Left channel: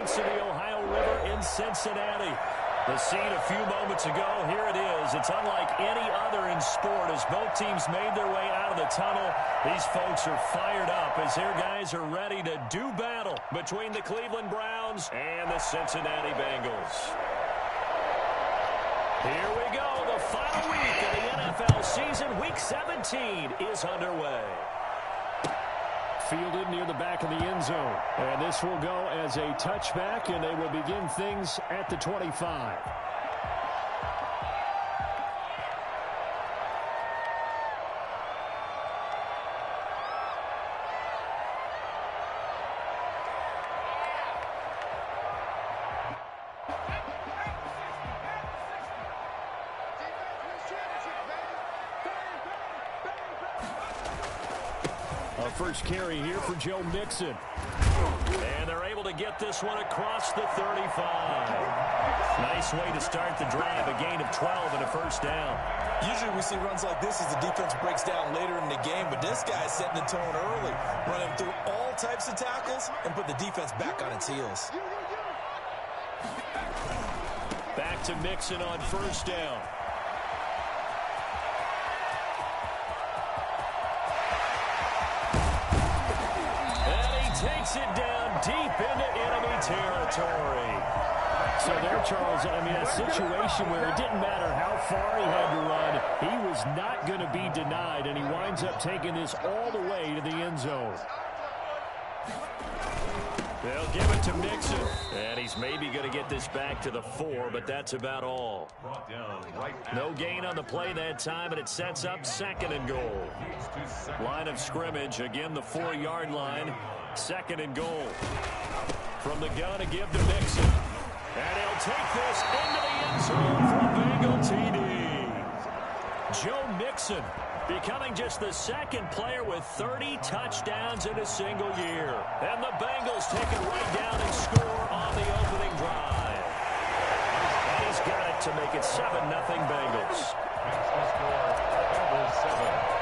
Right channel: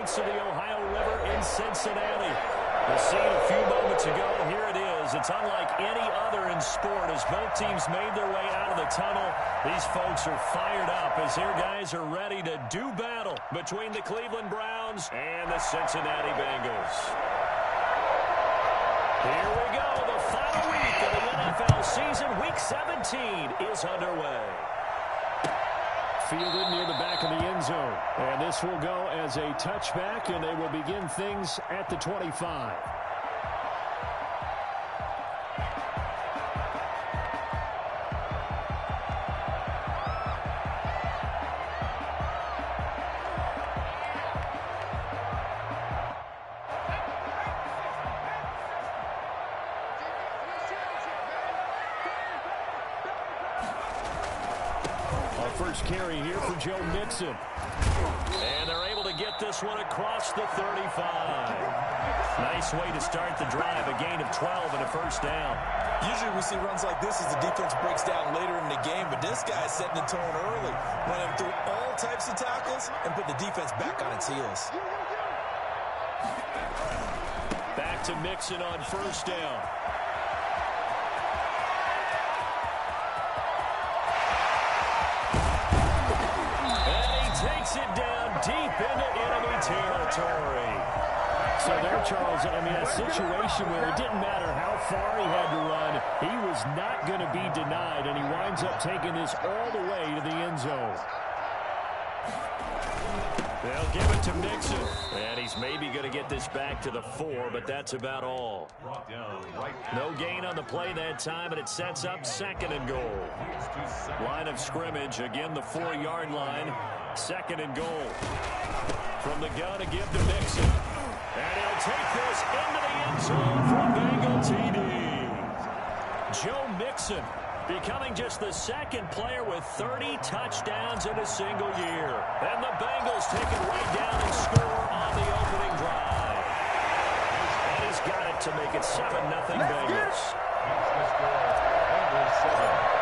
To the Ohio River in Cincinnati. The scene a few moments ago, here it is. It's unlike any other in sport as both teams made their way out of the tunnel. These folks are fired up as their guys are ready to do battle between the Cleveland Browns and the Cincinnati Bengals. Here we go. The final week of the NFL season. Week 17 is underway. Fielded near the back of the end zone. And this will go as a touchback, and they will begin things at the 25. First carry here for Joe Mixon. And they're able to get this one across the 35. Nice way to start the drive. A gain of 12 and a first down. Usually we see runs like this as the defense breaks down later in the game, but this guy's setting the tone early, running through all types of tackles and put the defense back on its heels. Back to Mixon on first down. Takes it down deep into enemy territory. So there, Charles, I mean, a situation where it didn't matter how far he had to run, he was not going to be denied, and he winds up taking this all the way to the end zone. They'll give it to Mixon. And he's maybe going to get this back to the 4, but that's about all. No gain on the play that time, and it sets up 2nd and goal. Line of scrimmage, again the 4-yard line. 2nd and goal. From the gun to give to Mixon. And he'll take this into the end zone for a Bengal TD. Joe Mixon becoming just the 2nd player with 30 touchdowns in a single year. And the Bengals take it right down and score on the opening drive. And he's got it to make it 7-0 Bengals. Bengals 7.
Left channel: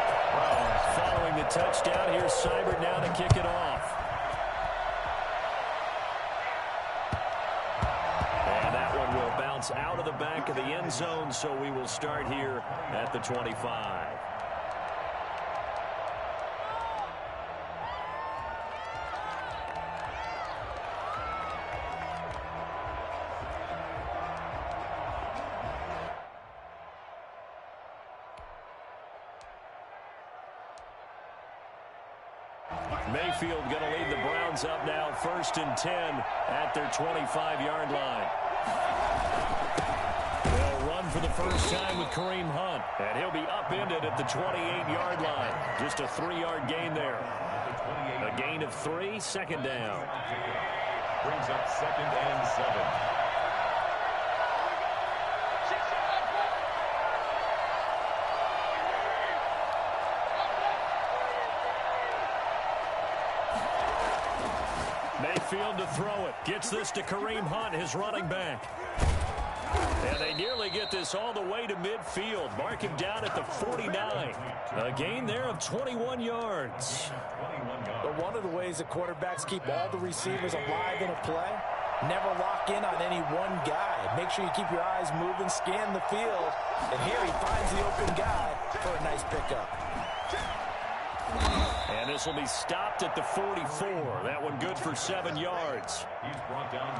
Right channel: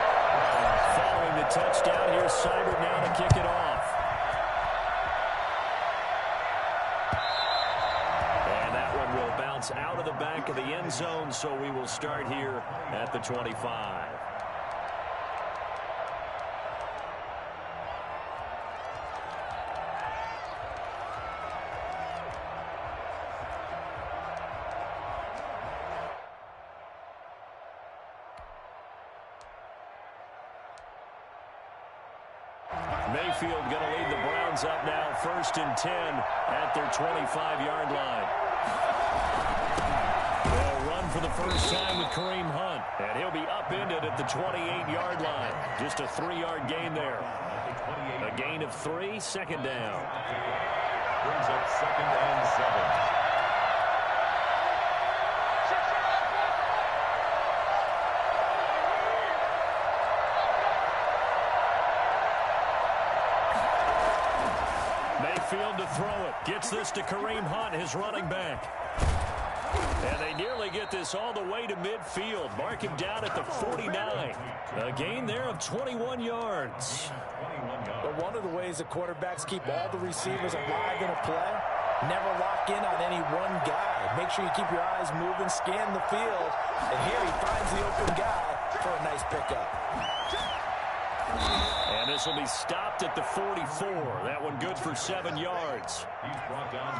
Following the touchdown, here's Seibert now to kick it off. And that one will bounce out of the back of the end zone, so we will start here at the 25. Mayfield going to lead the Browns up now, 1st and 10 at their 25-yard line. They'll run for the first time with Kareem Hunt, and he'll be upended at the 28-yard line. Just a 3-yard gain there. A gain of 3, 2nd down. Brings up 2nd and 7. Mayfield to throw it. Gets this to Kareem Hunt, his running back. And they nearly get this all the way to midfield. Mark him down at the 49. A gain there of 21 yards. But one of the ways that quarterbacks keep all the receivers alive in a play, never lock in on any one guy. Make sure you keep your eyes moving, scan the field. And here he finds the open guy for a nice pickup. And this will be stopped at the 44. That one good for 7 yards.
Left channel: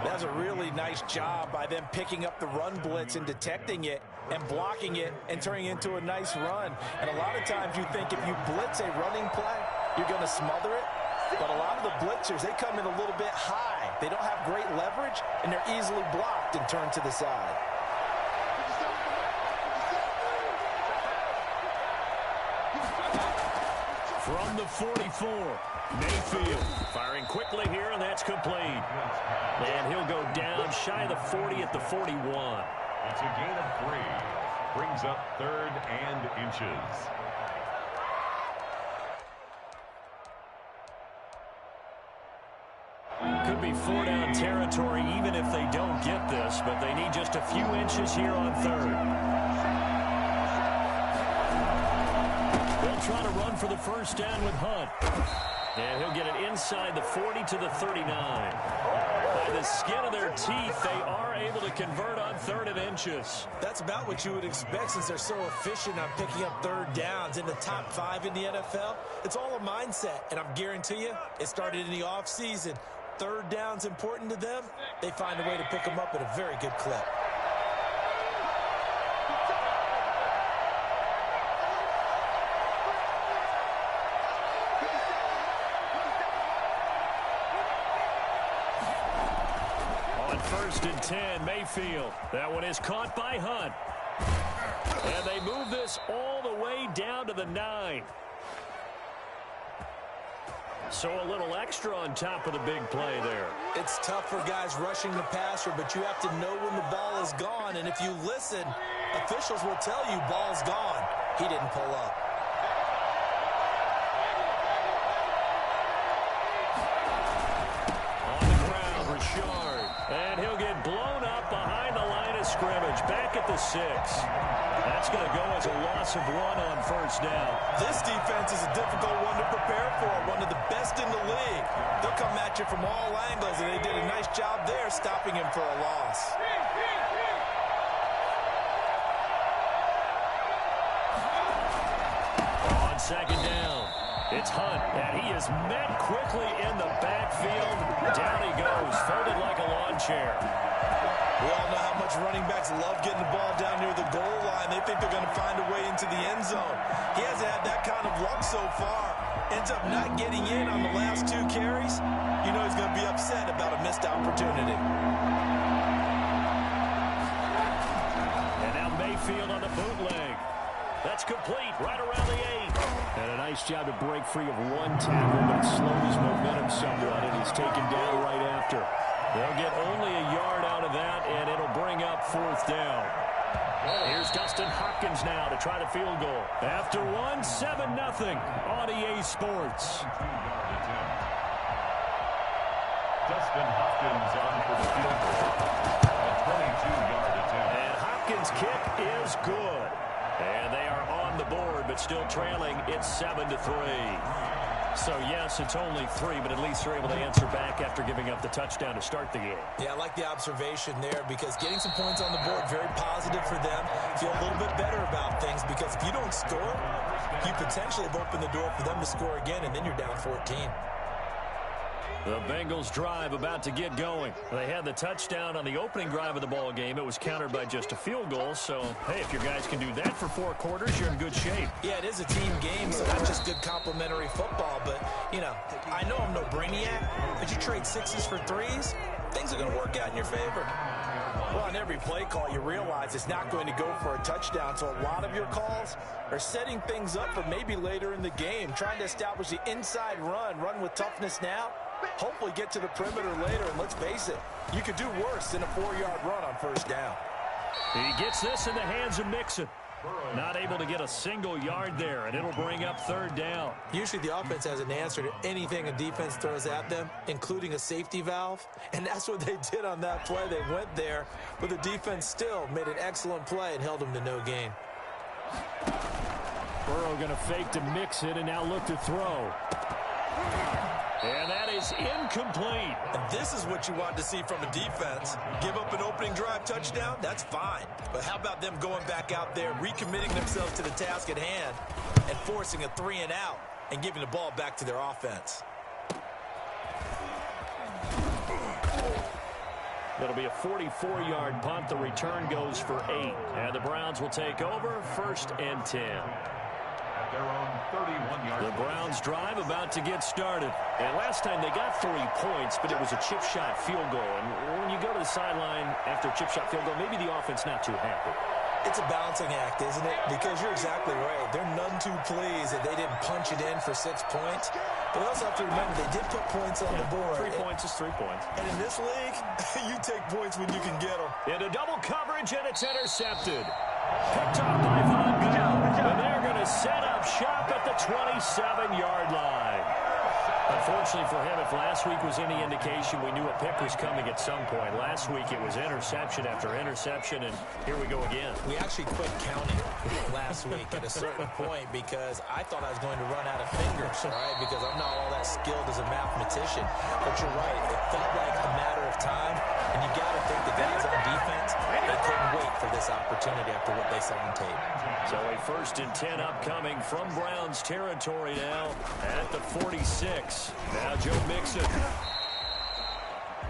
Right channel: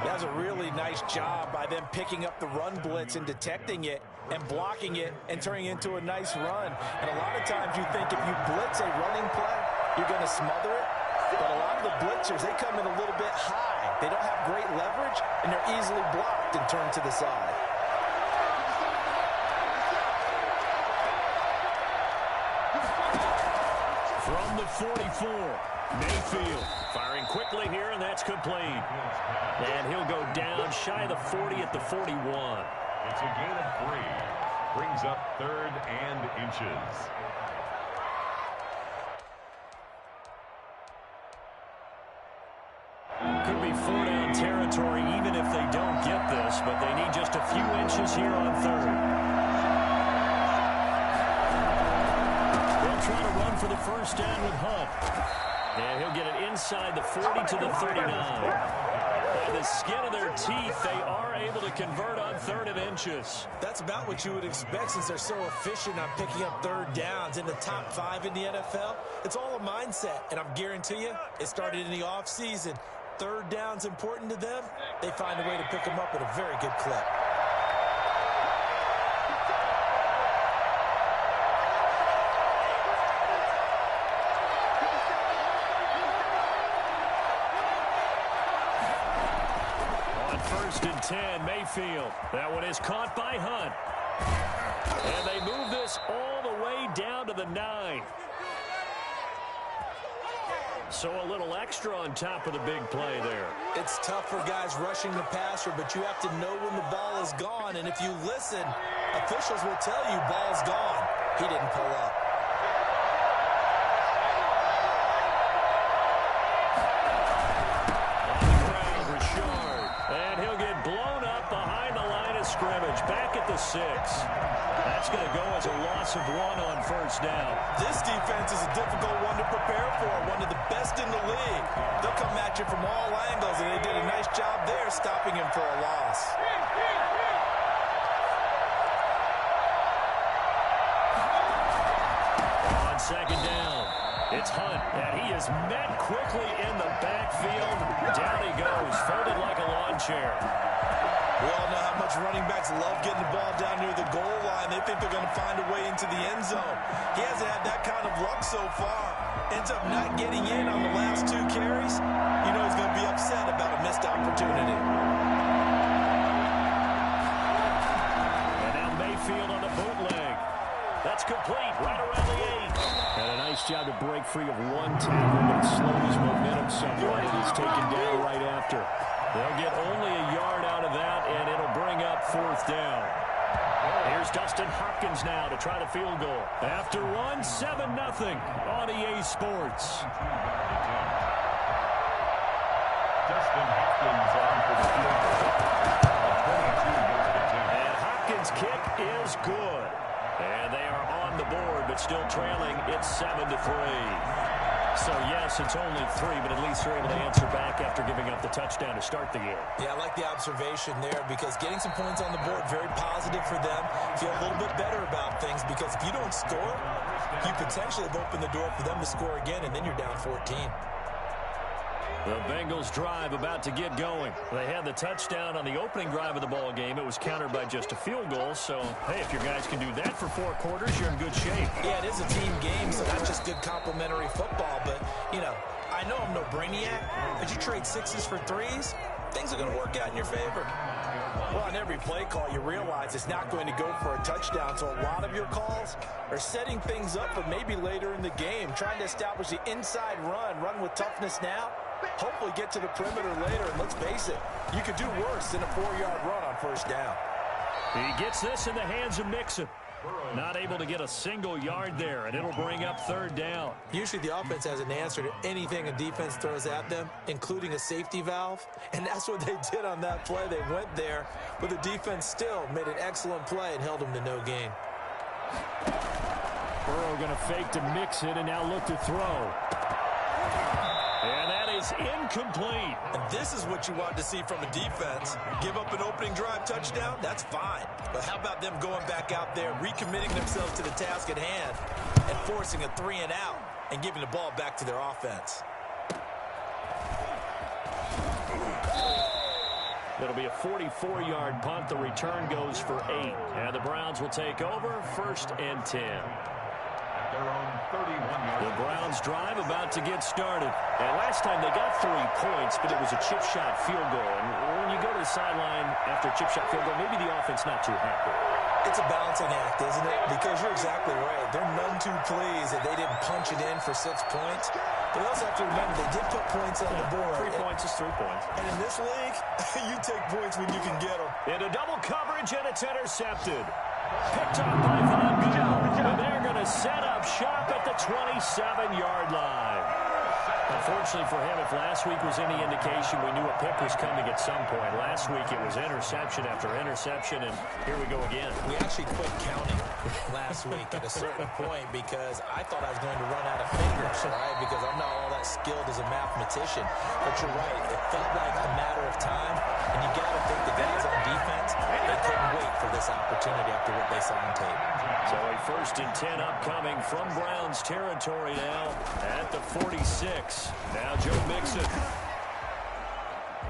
That's a really nice job by them picking up the run blitz and detecting it and blocking it and turning it into a nice run. And a lot of times you think if you blitz a running play, you're going to smother it. But a lot of the blitzers, they come in a little bit high. They don't have great leverage, and they're easily blocked and turned to the side. From the 44, Mayfield firing quickly here, and that's complete. And he'll go down shy of the 40 at the 41. It's a gain of 3. Brings up 3rd and inches. Could be 4-down territory even if they don't get this, but they need just a few inches here on 3rd. Try to run for the first down with Hunt. And he'll get it inside the 40 to the 39. by the skin of their teeth, they are able to convert on 3rd and inches. That's about what you would expect since they're so efficient on picking up 3rd downs in the top 5 in the NFL. It's all a mindset, and I'm guarantee you it started in the offseason. 3rd down's important to them. They find a way to pick them up at a very good clip. On 1st and 10, Mayfield. That one is caught by Hunt. And they move this all the way down to the 9. So a little extra on top of the big play there. It's tough for guys rushing the passer, but you have to know when the ball is gone. And if you listen, officials will tell you ball's gone. He didn't pull up. On the ground, Richard. And he'll get blown up behind the line of scrimmage. Back at the 6. That's going to go as a loss of 1 on 1st down. This defense is a difficult one to prepare for, one of the best in the league. They'll come at you from all angles, and they did a nice job there stopping him for a loss. On 2nd down, it's Hunt, and he is met quickly in the backfield. Down he goes, folded like a lawn chair. We all know how much running backs love getting the ball down near the goal line. They think they're going to find a way into the end zone. He hasn't had that kind of luck so far. Ends up not getting in on the last 2 carries. You know he's going to be upset about a missed opportunity. And now Mayfield on the bootleg. That's complete, right around the 8. And a nice job to break free of 1 tackle, but it slowed his momentum somewhat, and he's taken down right after. They'll get only a yard out of that, and it'll bring up 4th down. Here's Dustin Hopkins now to try the field goal. After 1, 7-0 on EA Sports. Dustin Hopkins on for the field goal. A 22-yard attempt. And Hopkins' kick is good. And they are on the board, but still trailing. It's 7-3. So, yes, it's only 3, but at least they're able to answer back after giving up the touchdown to start the game. Yeah, I like the observation there because getting some points on the board, very positive for them. Feel a little bit better about things because if you don't score, you potentially have opened the door for them to score again, and then you're down 14. The Bengals drive about to get going. They had the touchdown on the opening drive of the ball game. It was countered by just a field goal. So, hey, if your guys can do that for 4 quarters, you're in good shape. Yeah, it is a team game, so not just good complementary football. But, you know, I know I'm no brainiac, but you trade 6s for 3s, things are going to work out in your favor. Well, on every play call, you realize it's not going to go for a touchdown. So a lot of your calls are setting things up for maybe later in the game, trying to establish the inside run with toughness now. Hopefully get to the perimeter later, and let's face it, you could do worse than a 4-yard run on 1st down. He gets this in the hands of Mixon. Not able to get a single yard there, and it'll bring up 3rd down. Usually the offense has an answer to anything a defense throws at them, including a safety valve, and that's what they did on that play. They went there, but the defense still made an excellent play and held them to no gain. Burrow going to fake to Mixon and now look to throw. And that is incomplete. And this is what you want to see from a defense. Give up an opening drive touchdown, that's fine. But how about them going back out there, recommitting themselves to the task at hand, and forcing a 3-and-out and giving the ball back to their offense? It'll be a 44-yard punt. The return goes for 8. And the Browns will take over 1st and 10. Their own 31-yard. The Browns drive about to get started. And last time they got 3 points, but it was a chip shot field goal. And when you go to the sideline after a chip shot field goal, maybe the offense not too happy. It's a balancing act, isn't it? Because you're exactly right. They're none too pleased that they didn't punch it in for 6 points. But they also have to remember they did put points on the board. 3 points is 3 points. And in this league, you take points when you can get them. Into double coverage, and it's intercepted. Picked off by Von Bell. And they're going to set up shop at the 27-yard line. Unfortunately for him, if last week was any indication, we knew a pick was coming at some point. Last week it was interception after interception, and here we go again. We actually quit counting last week at a certain point because I thought I was going to run out of fingers, right? Because I'm not all that skilled as a mathematician. But you're right. It felt like a matter of time, and you got to think the guys on defense, they couldn't wait for this opportunity after what they saw on tape. So a 1st and 10 upcoming from Browns territory now at the 46. Now Joe Mixon.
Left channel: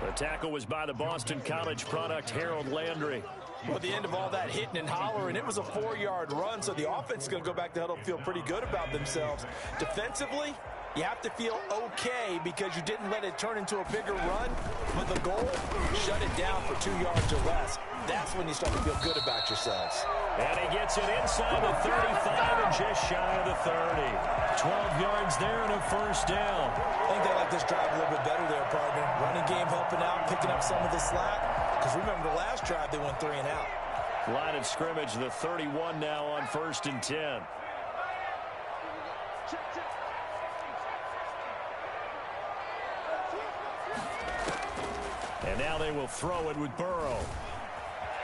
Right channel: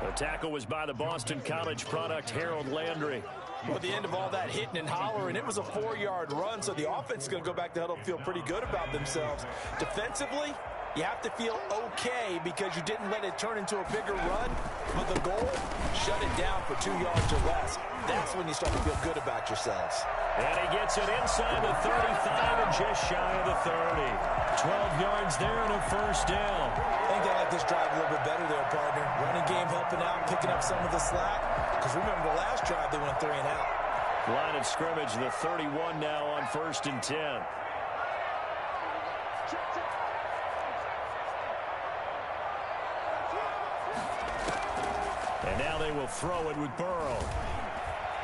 The tackle was by the Boston College product, Harold Landry. Well, at the end of all that hitting and hollering, it was a 4-yard run, so the offense is going to go back to huddle and feel pretty good about themselves. Defensively, you have to feel okay because you didn't let it turn into a bigger run, but the goal, shut it down for 2 yards or less. That's when you start to feel good about yourselves. And he gets it inside the 35 and just shy of the 30. 12 yards there and a 1st down. I think they like this drive a little bit better there, partner. Running game helping out, picking up some of the slack. Because remember the last drive, they went 3 and out. Line of scrimmage, the 31 now on 1st and 10. And now they will throw it with Burrow.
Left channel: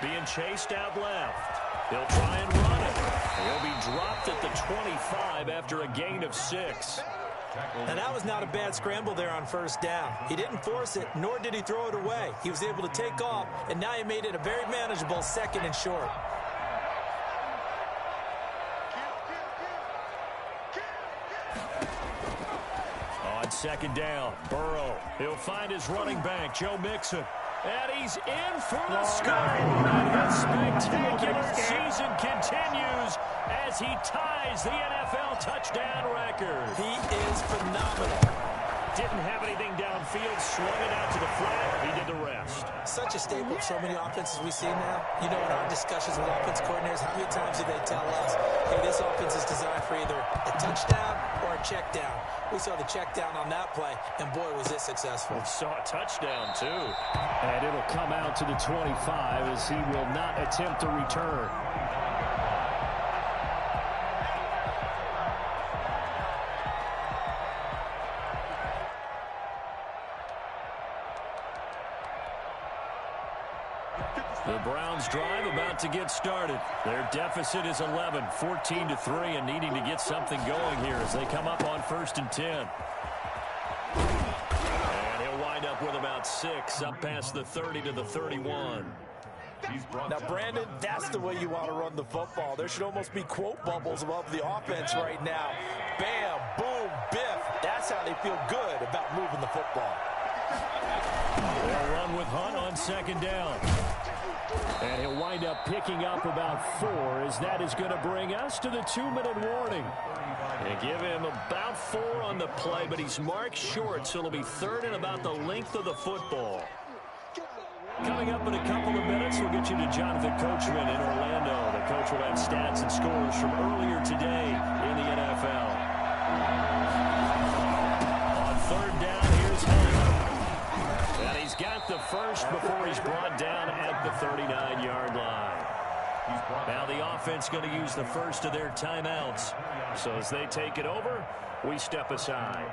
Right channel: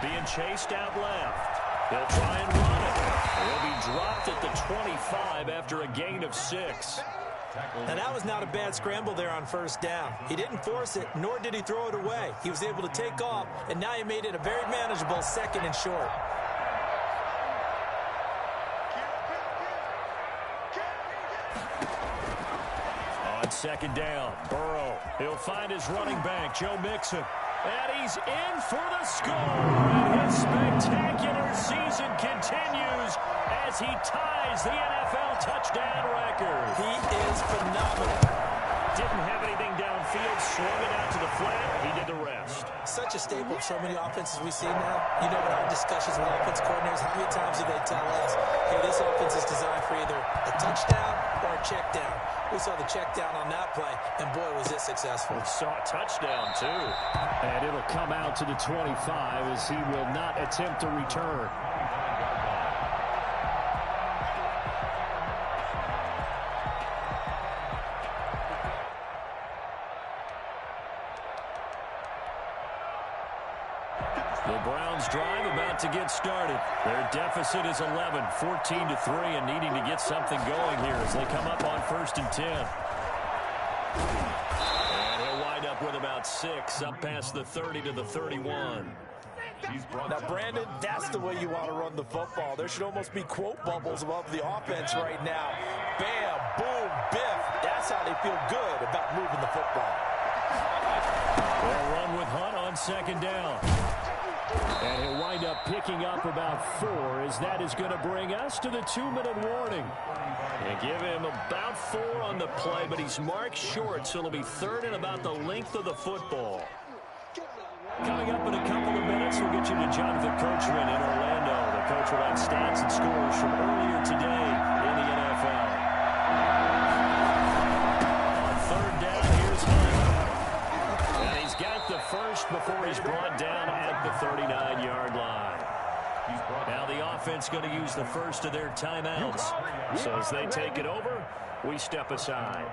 Being chased out left. He'll try and run it. He'll be dropped at the 25 after a gain of 6. And that was not a bad scramble there on 1st down. He didn't force it, nor did he throw it away. He was able to take off, and now he made it a very manageable 2nd and short. On 2nd down, Burrow. He'll find his running back, Joe Mixon. And he's in for the score. And his spectacular season continues as he ties the NFL touchdown record. He is phenomenal. Didn't have anything downfield, swung it out to the flat. He did the rest. Such a staple of so many offenses we see now. You know, in our discussions with offense coordinators, how many times do they tell us, hey, this offense is designed for either a touchdown or a check down. We saw the check down on that play, and boy, was it successful. We saw a touchdown, too. And it'll come out to the 25 as he will not attempt to return. The Browns drive about to get started. Their deficit is 11, 14-3, and needing to get something going here as they come up on 1st and 10. And he'll wind up with about 6, up past the 30 to the 31. Now, Brandon, that's the way you want to run the football. There should almost be quote bubbles above the offense right now. Bam, boom, biff. That's how they feel good about moving the football. They'll run with Hunt on 2nd down. And he'll wind up picking up about 4 as that is going to bring us to the 2-minute warning. And give him about 4 on the play, but he's marked short, so it'll be 3rd and about the length of the football. Coming up in a couple of minutes, we'll get you to Jonathan Coachman in Orlando. The coach will have stats and scores from earlier today in the NFL. On 3rd down, here's Hunt. And he's got the first before he's brought down at the 39-yard line. Now the offense going to use the first of their timeouts. So as they take it over, we step aside.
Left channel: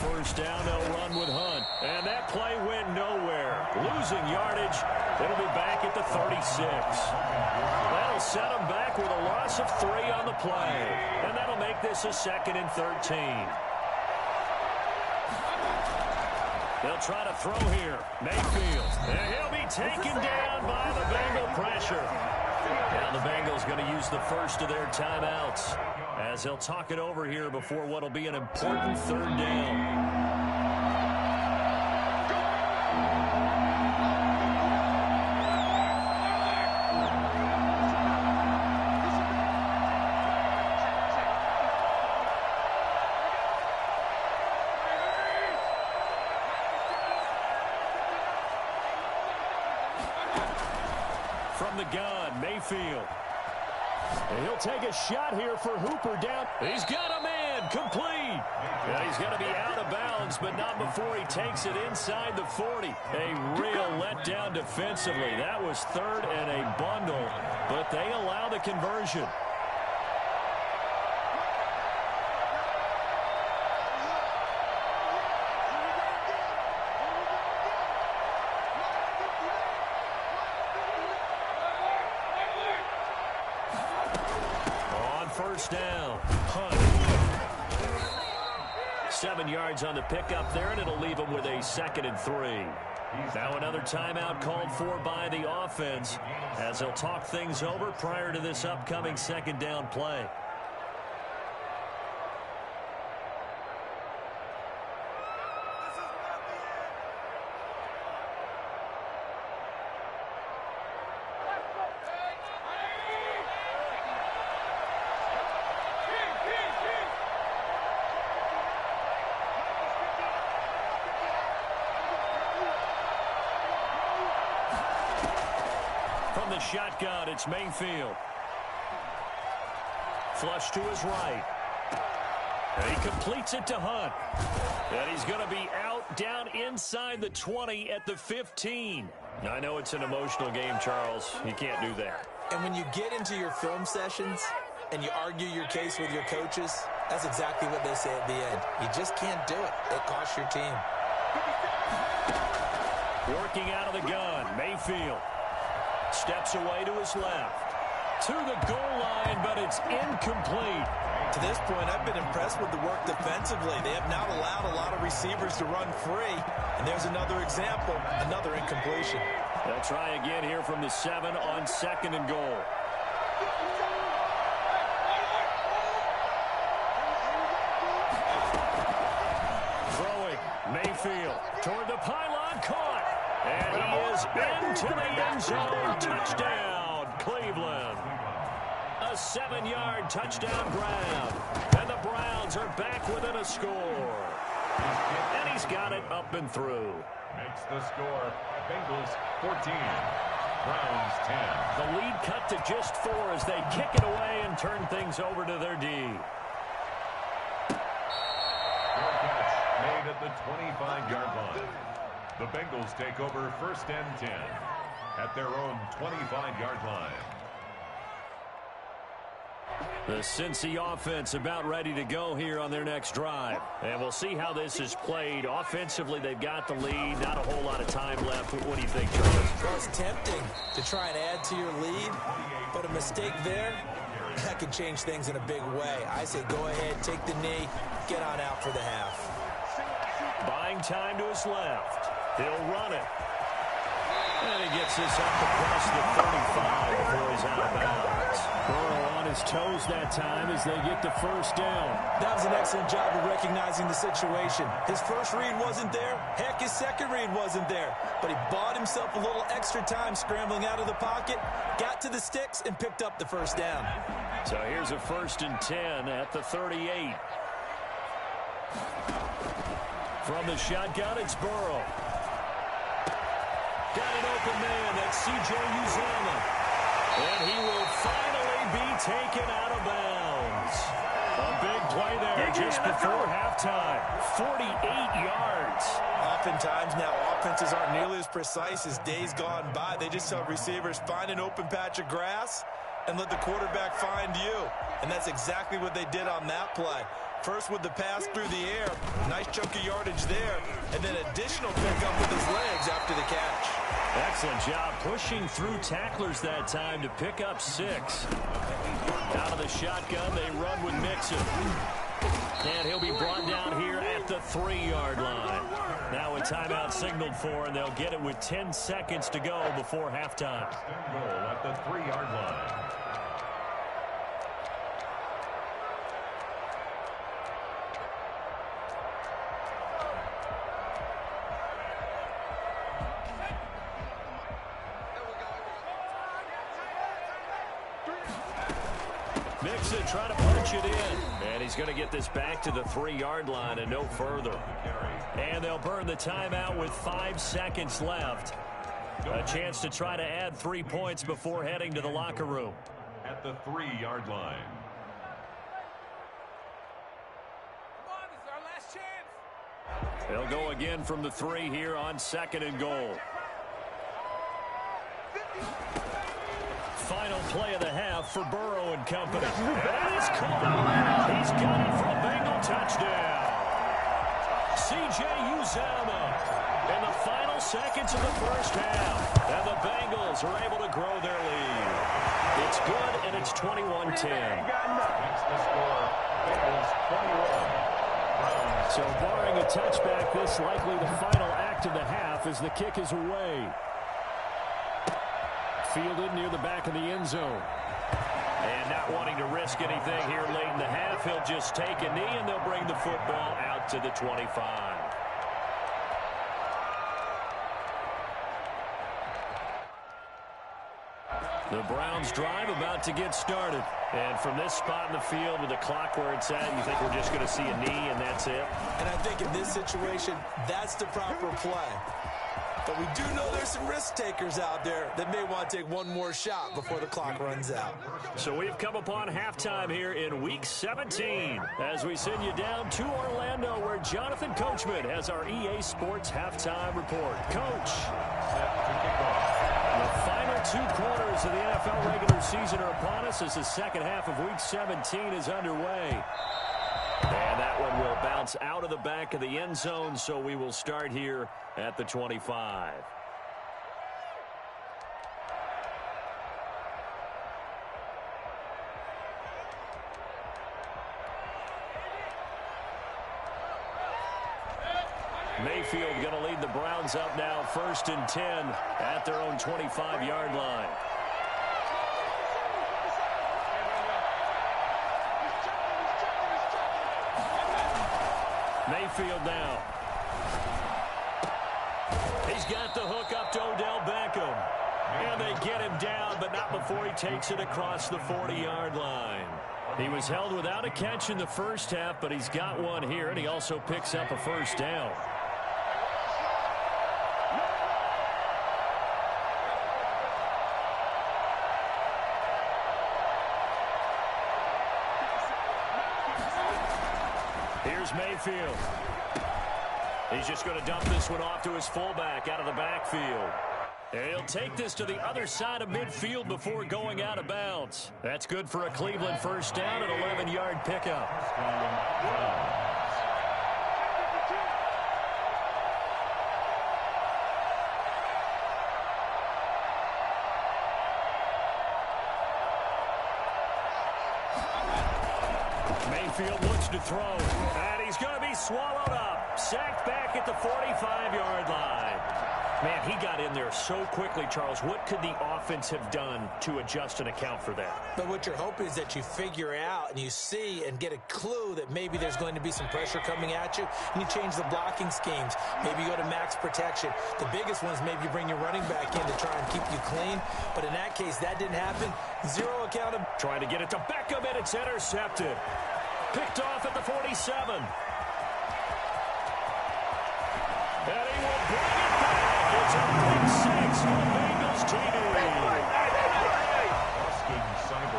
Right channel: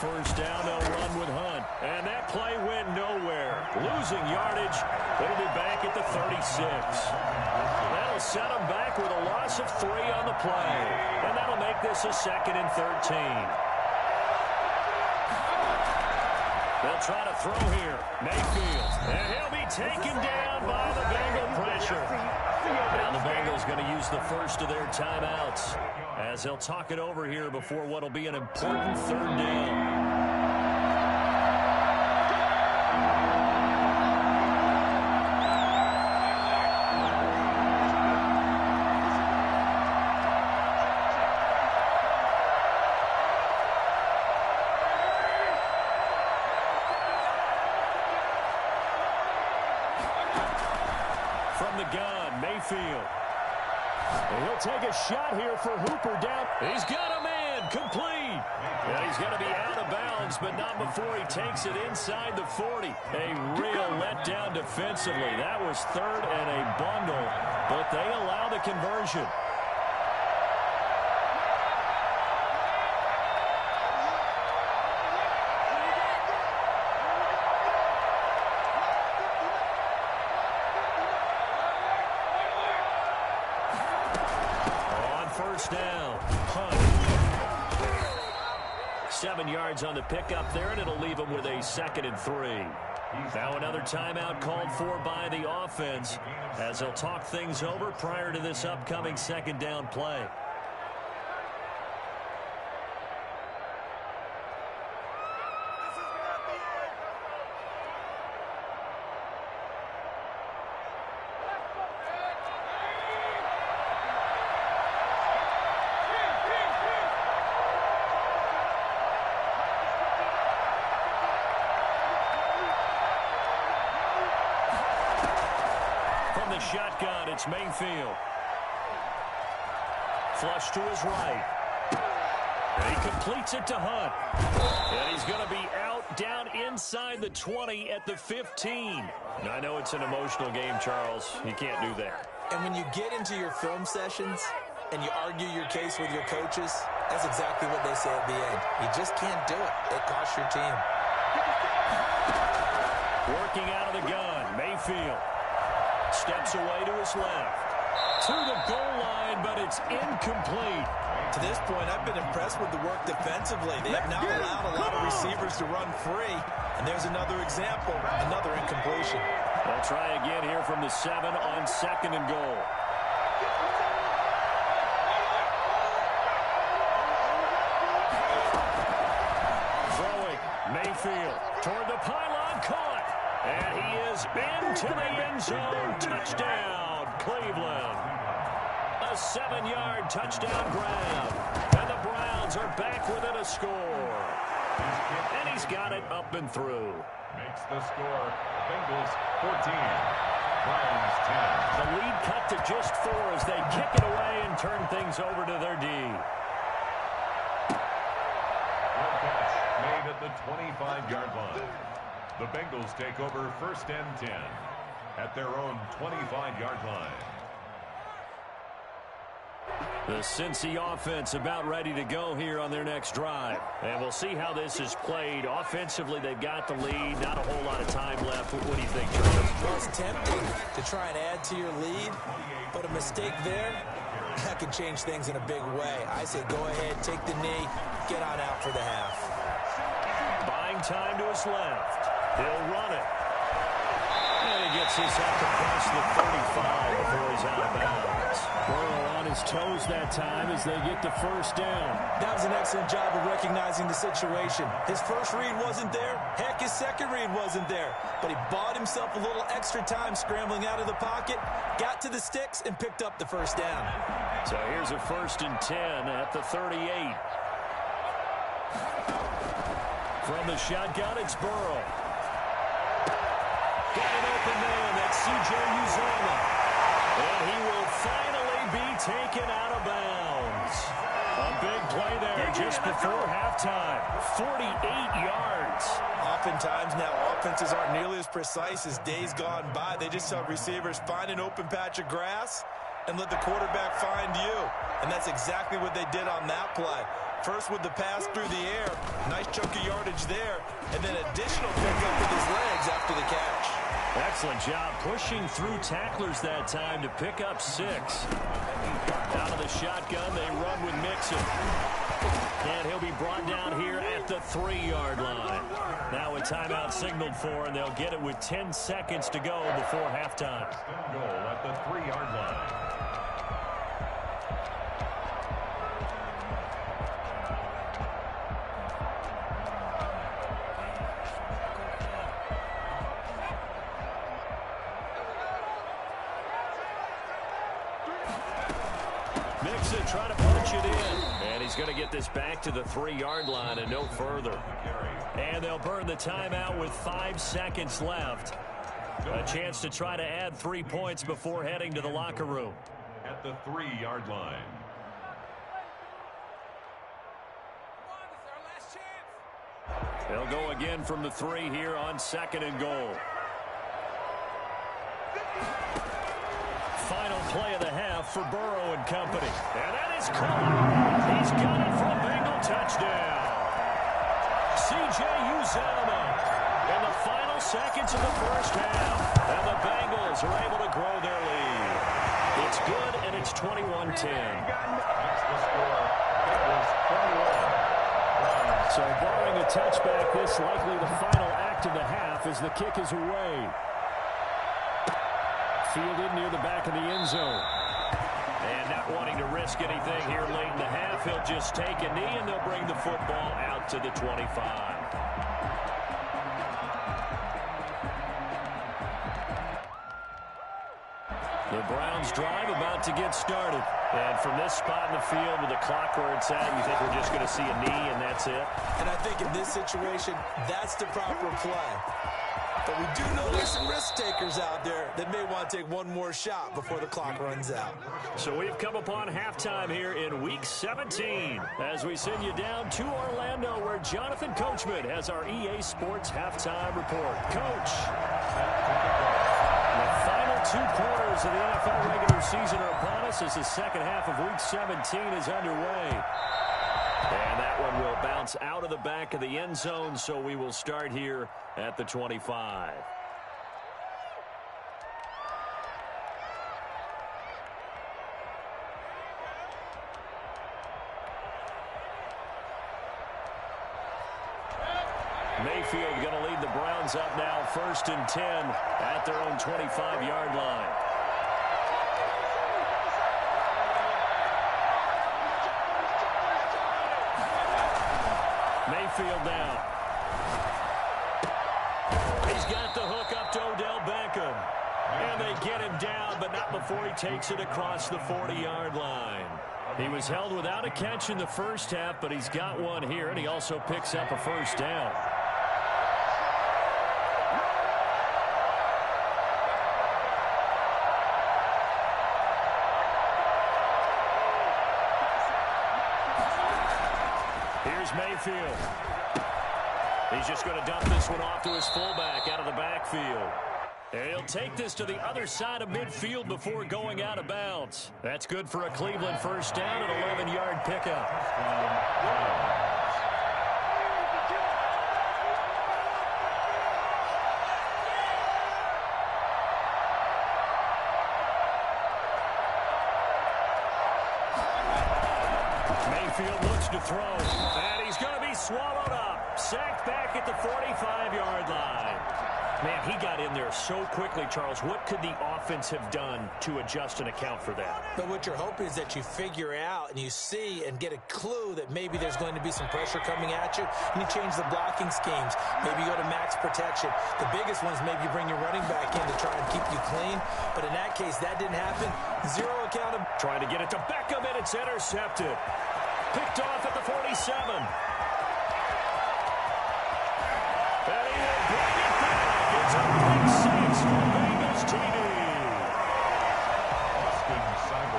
First down, they'll run with Hunt. And that play went nowhere. Losing yardage. It'll be back at the 36. That'll set them back with a loss of 3 on the play. And that'll make this a 2nd and 13. They'll try to throw here. Mayfield. And he'll be taken down by the Bengal pressure. Now the Bengals going to use the first of their timeouts as they'll talk it over here before what will be an important 3rd down. the gun, Mayfield. And he'll take a shot here for Hooper down. He's got a man, complete. Yeah, he's going to be out of bounds, but not before he takes it inside the 40. A real letdown defensively. That was third and a bundle, but they allow the conversion. First down. Hunt. 7 yards on the pickup there, and it'll leave him with a 2nd and 3. Now another timeout called for by the offense as they'll talk things over prior to this upcoming 2nd down play. From the shotgun, it's Mayfield. Flush to his right. And he completes it to Hunt. And he's going to be out down inside the 20 at the 15. Now, I know it's an emotional game, Charles. You can't do that. And when you get into your film sessions and you argue your case with your coaches, that's exactly what they say at the end. You just can't do it. It costs your team. Working out of the gun, Mayfield. Steps away to his left. To the goal line, but it's incomplete. To this point, I've been impressed with the work defensively. They have now allowed a lot of receivers to run free. And there's another example, another incompletion. They'll try again here from the 7 on 2nd and goal. Throwing, Mayfield toward the pylon, caught. And he is into the end zone. Touchdown, Cleveland. A 7-yard touchdown grab. And the Browns are back within a score. And he's got it up and through. Makes the score. Bengals 14. Browns 10. The lead cut to just 4 as they kick it away and turn things over to their D. Fair catch made at the 25-yard line. The Bengals take over 1st and 10 at their own 25-yard line. The Cincy offense about ready to go here on their next drive. And we'll see how this is played. Offensively, they've got the lead. Not a whole lot of time left. What do you think, Charles? Well, it's tempting to try and add to your lead, but a mistake there, that can change things in a big way. I say go ahead, take the knee, get on out for the half. Buying time to his left. He'll run it. And he gets this up across the 35 before he's out of bounds. Burrow on his toes that time as they get the first down. That was an excellent job of recognizing the situation. His first read wasn't there. Heck, his second read wasn't there. But he bought himself a little extra time scrambling out of the pocket, got to the sticks, and picked up the first down. So here's a 1st and 10 at the 38. From the shotgun, it's Burrow. Got an open man. That's C.J. Uzomah. And he will finally be taken out of bounds. A big play there just before halftime. 48 yards. Oftentimes now offenses aren't nearly as precise as days gone by. They just tell receivers, find an open patch of grass and let the quarterback find you. And that's exactly what they did on that play. First with the pass through the air, nice chunk of yardage there, and then additional pickup with his legs after the catch. Excellent job pushing through tacklers that time to pick up 6. Out of the shotgun, they run with Mixon. And he'll be brought down here at the 3-yard line. Now a timeout signaled for, and they'll get it with 10 seconds to go before halftime. Goal at the 3-yard line. Mixon trying to punch it in. And he's going to get this back to the 3-yard line and no further. And they'll burn the timeout with 5 seconds left. A chance to try to add 3 points before heading to the locker room. At the 3-yard line. They'll go again from the 3 here on 2nd and goal. Final play of the half for Burrow and company. And that is caught. He's got it for a Bengal touchdown. C.J. Uzomah in the final seconds of the first half. And the Bengals are able to grow their lead. It's good, and it's 21-10. That's the score. Bengals 21. So barring a touchback, this likely the final act of the half as the kick is away. Fielded near the back of the end zone. And not wanting to risk anything here late in the half, he'll just take a knee, and they'll bring the football out to the 25. The Browns drive about to get started. And from this spot in the field with the clock where it's at, you think we're just going to see a knee and that's it? And I think in this situation, that's the proper play. But we do know there's some risk takers out there that may want to take one more shot before the clock runs out. So we've come upon halftime here in Week 17 as we send you down to Orlando where Jonathan Coachman has our EA Sports halftime report. Coach. The final 2 quarters of the NFL regular season are upon us as the second half of Week 17 is underway. And that one will bounce out of the back of the end zone, so we will start here at the 25. Mayfield going to lead the Browns up now, 1st and 10 at their own 25-yard line. Mayfield now. He's got the hook up to Odell Beckham. And they get him down, but not before he takes it across the 40-yard line. He was held without a catch in the first half, but he's got one here, and he also picks up a first down. Here's Mayfield. He's just going to dump this one off to his fullback out of the backfield. And he'll take this to the other side of midfield before going out of bounds. That's good for a Cleveland first down, an 11-yard pickup. Mayfield looks to throw, and he's going to be swallowed up. Sacked back at the 45-yard line. Man, he got in there so quickly, Charles. What could the offense have done to adjust and account for that? But what you're hoping is that you figure out and you see and get a clue that maybe there's going to be some pressure coming at you, and you change the blocking schemes. Maybe you go to max protection. The biggest one is maybe you bring your running back in to try and keep you clean. But in that case, that didn't happen. Zero accountability. Trying to get it to Beckham, and it's intercepted. Picked off at the 47. And he will bring it back. It's a pick 6 for Bengals TD.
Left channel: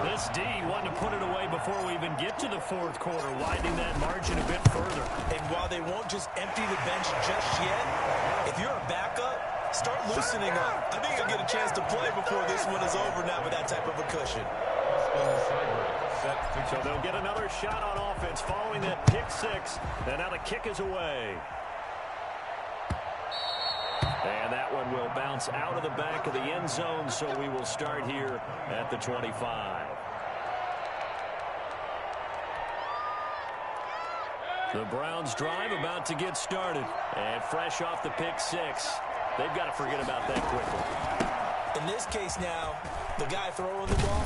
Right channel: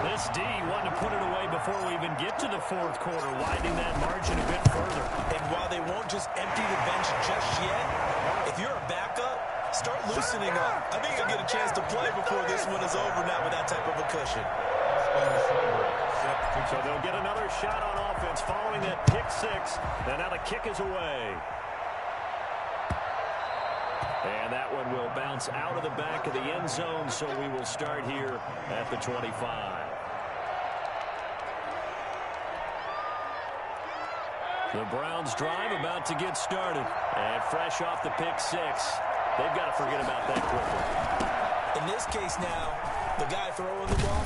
This D wanted to put it away before we even get to the fourth quarter, widening that margin a bit further. And while they won't just empty the bench just yet, if you're a backup, start loosening up. I think you'll get a chance to play before this one is over now with that type of a cushion. So they'll get another shot on offense following that pick 6. And now the kick is away. And that one will bounce out of the back of the end zone, so we will start here at the 25. The Browns drive about to get started. And fresh off the pick 6, they've got to forget about that quickly. In this case now, the guy throwing the ball,